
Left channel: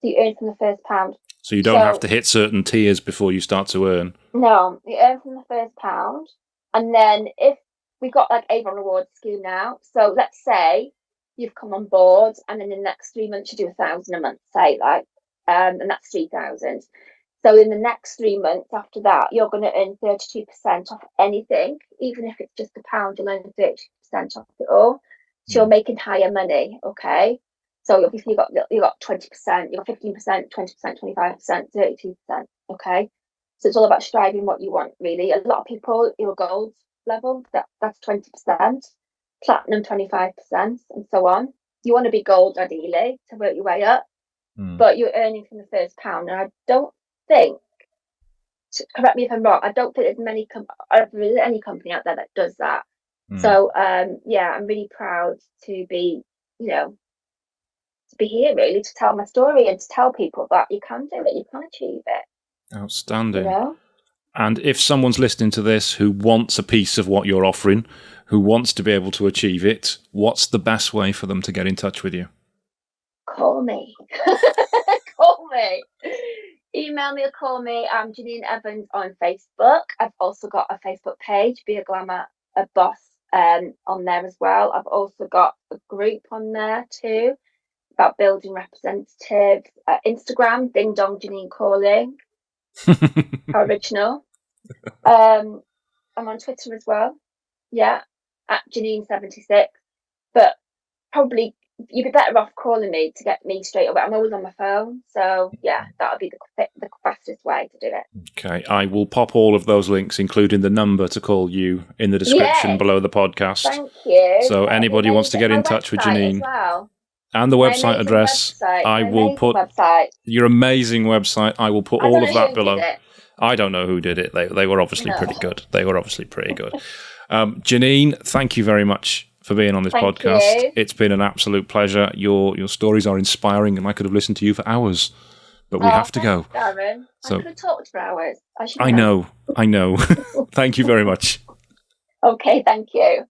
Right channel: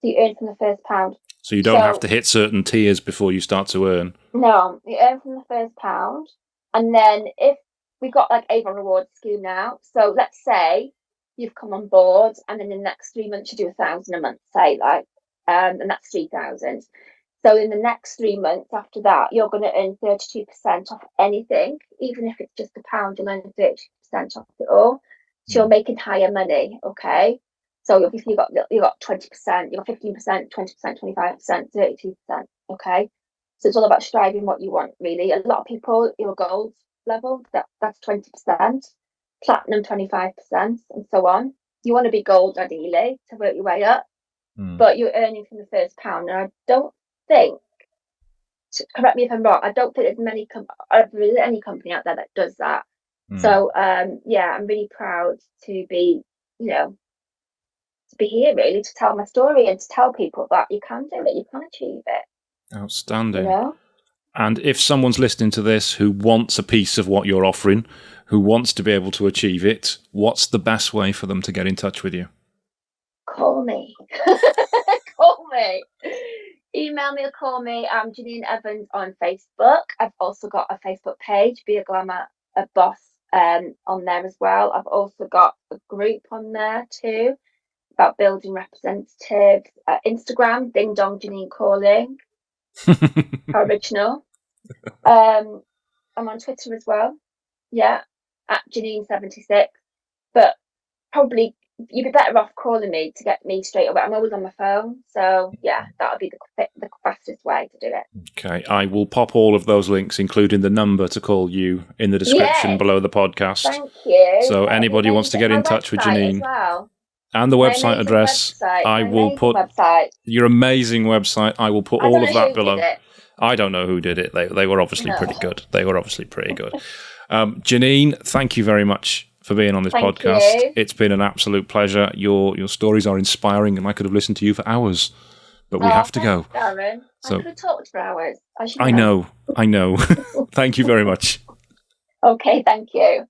so you earn from the first pound. So you don't have to hit certain tiers before you start to earn. No, you earn from the first pound, and then if we've got like Avon Rewards scheme now, so let's say you've come on board, and in the next 3 months you do 1,000 a month, say, and that's 3,000. So in the next 3 months after that, you're going to earn 32% off anything, even if it's just £1, you'll earn 32% off it all. So you're making higher money, okay? So obviously you got 20%, you got 15%, 20%, 25%, 32%, okay? So it's all about striving what you want, really. A lot of people, your gold level, that's 20%, platinum 25%, and so on. You want to be gold ideally to work your way up, but you're earning from the first pound. And I don't think, correct me if I'm wrong, I don't think there's any company out there that does that. So I'm really proud to be, to be here, really, to tell my story and to tell people that you can do it, you can achieve it. Outstanding. And if someone's listening to this who wants a piece of what you're offering, who wants to be able to achieve it, what's the best way for them to get in touch with you? Call me. Call me. Email me or call me. I'm Janine Evans on Facebook. I've also got a Facebook page, Be a Glamour a Boss, on there as well. I've also got a group on there too about building representatives. Instagram, Ding Dong Janine Calling. How original. I'm on Twitter as well. Yeah, at Janine76. But probably you'd be better off calling me to get me straight away. I'm always on my phone. So yeah, that would be the fastest way to do it. Okay, I will pop all of those links, including the number to call you, in the description below the podcast. Thank you. So anybody wants to get in touch with Janine, and the website address, I will put your amazing website. I will put all of that below. I don't know who did it. They were obviously pretty good. Janine, thank you very much for being on this podcast. You. It's been an absolute pleasure. Your stories are inspiring, and I could have listened to you for hours, but we have to go. Darren. So I could have talked for hours. I know. Thank you very much. Okay, thank you.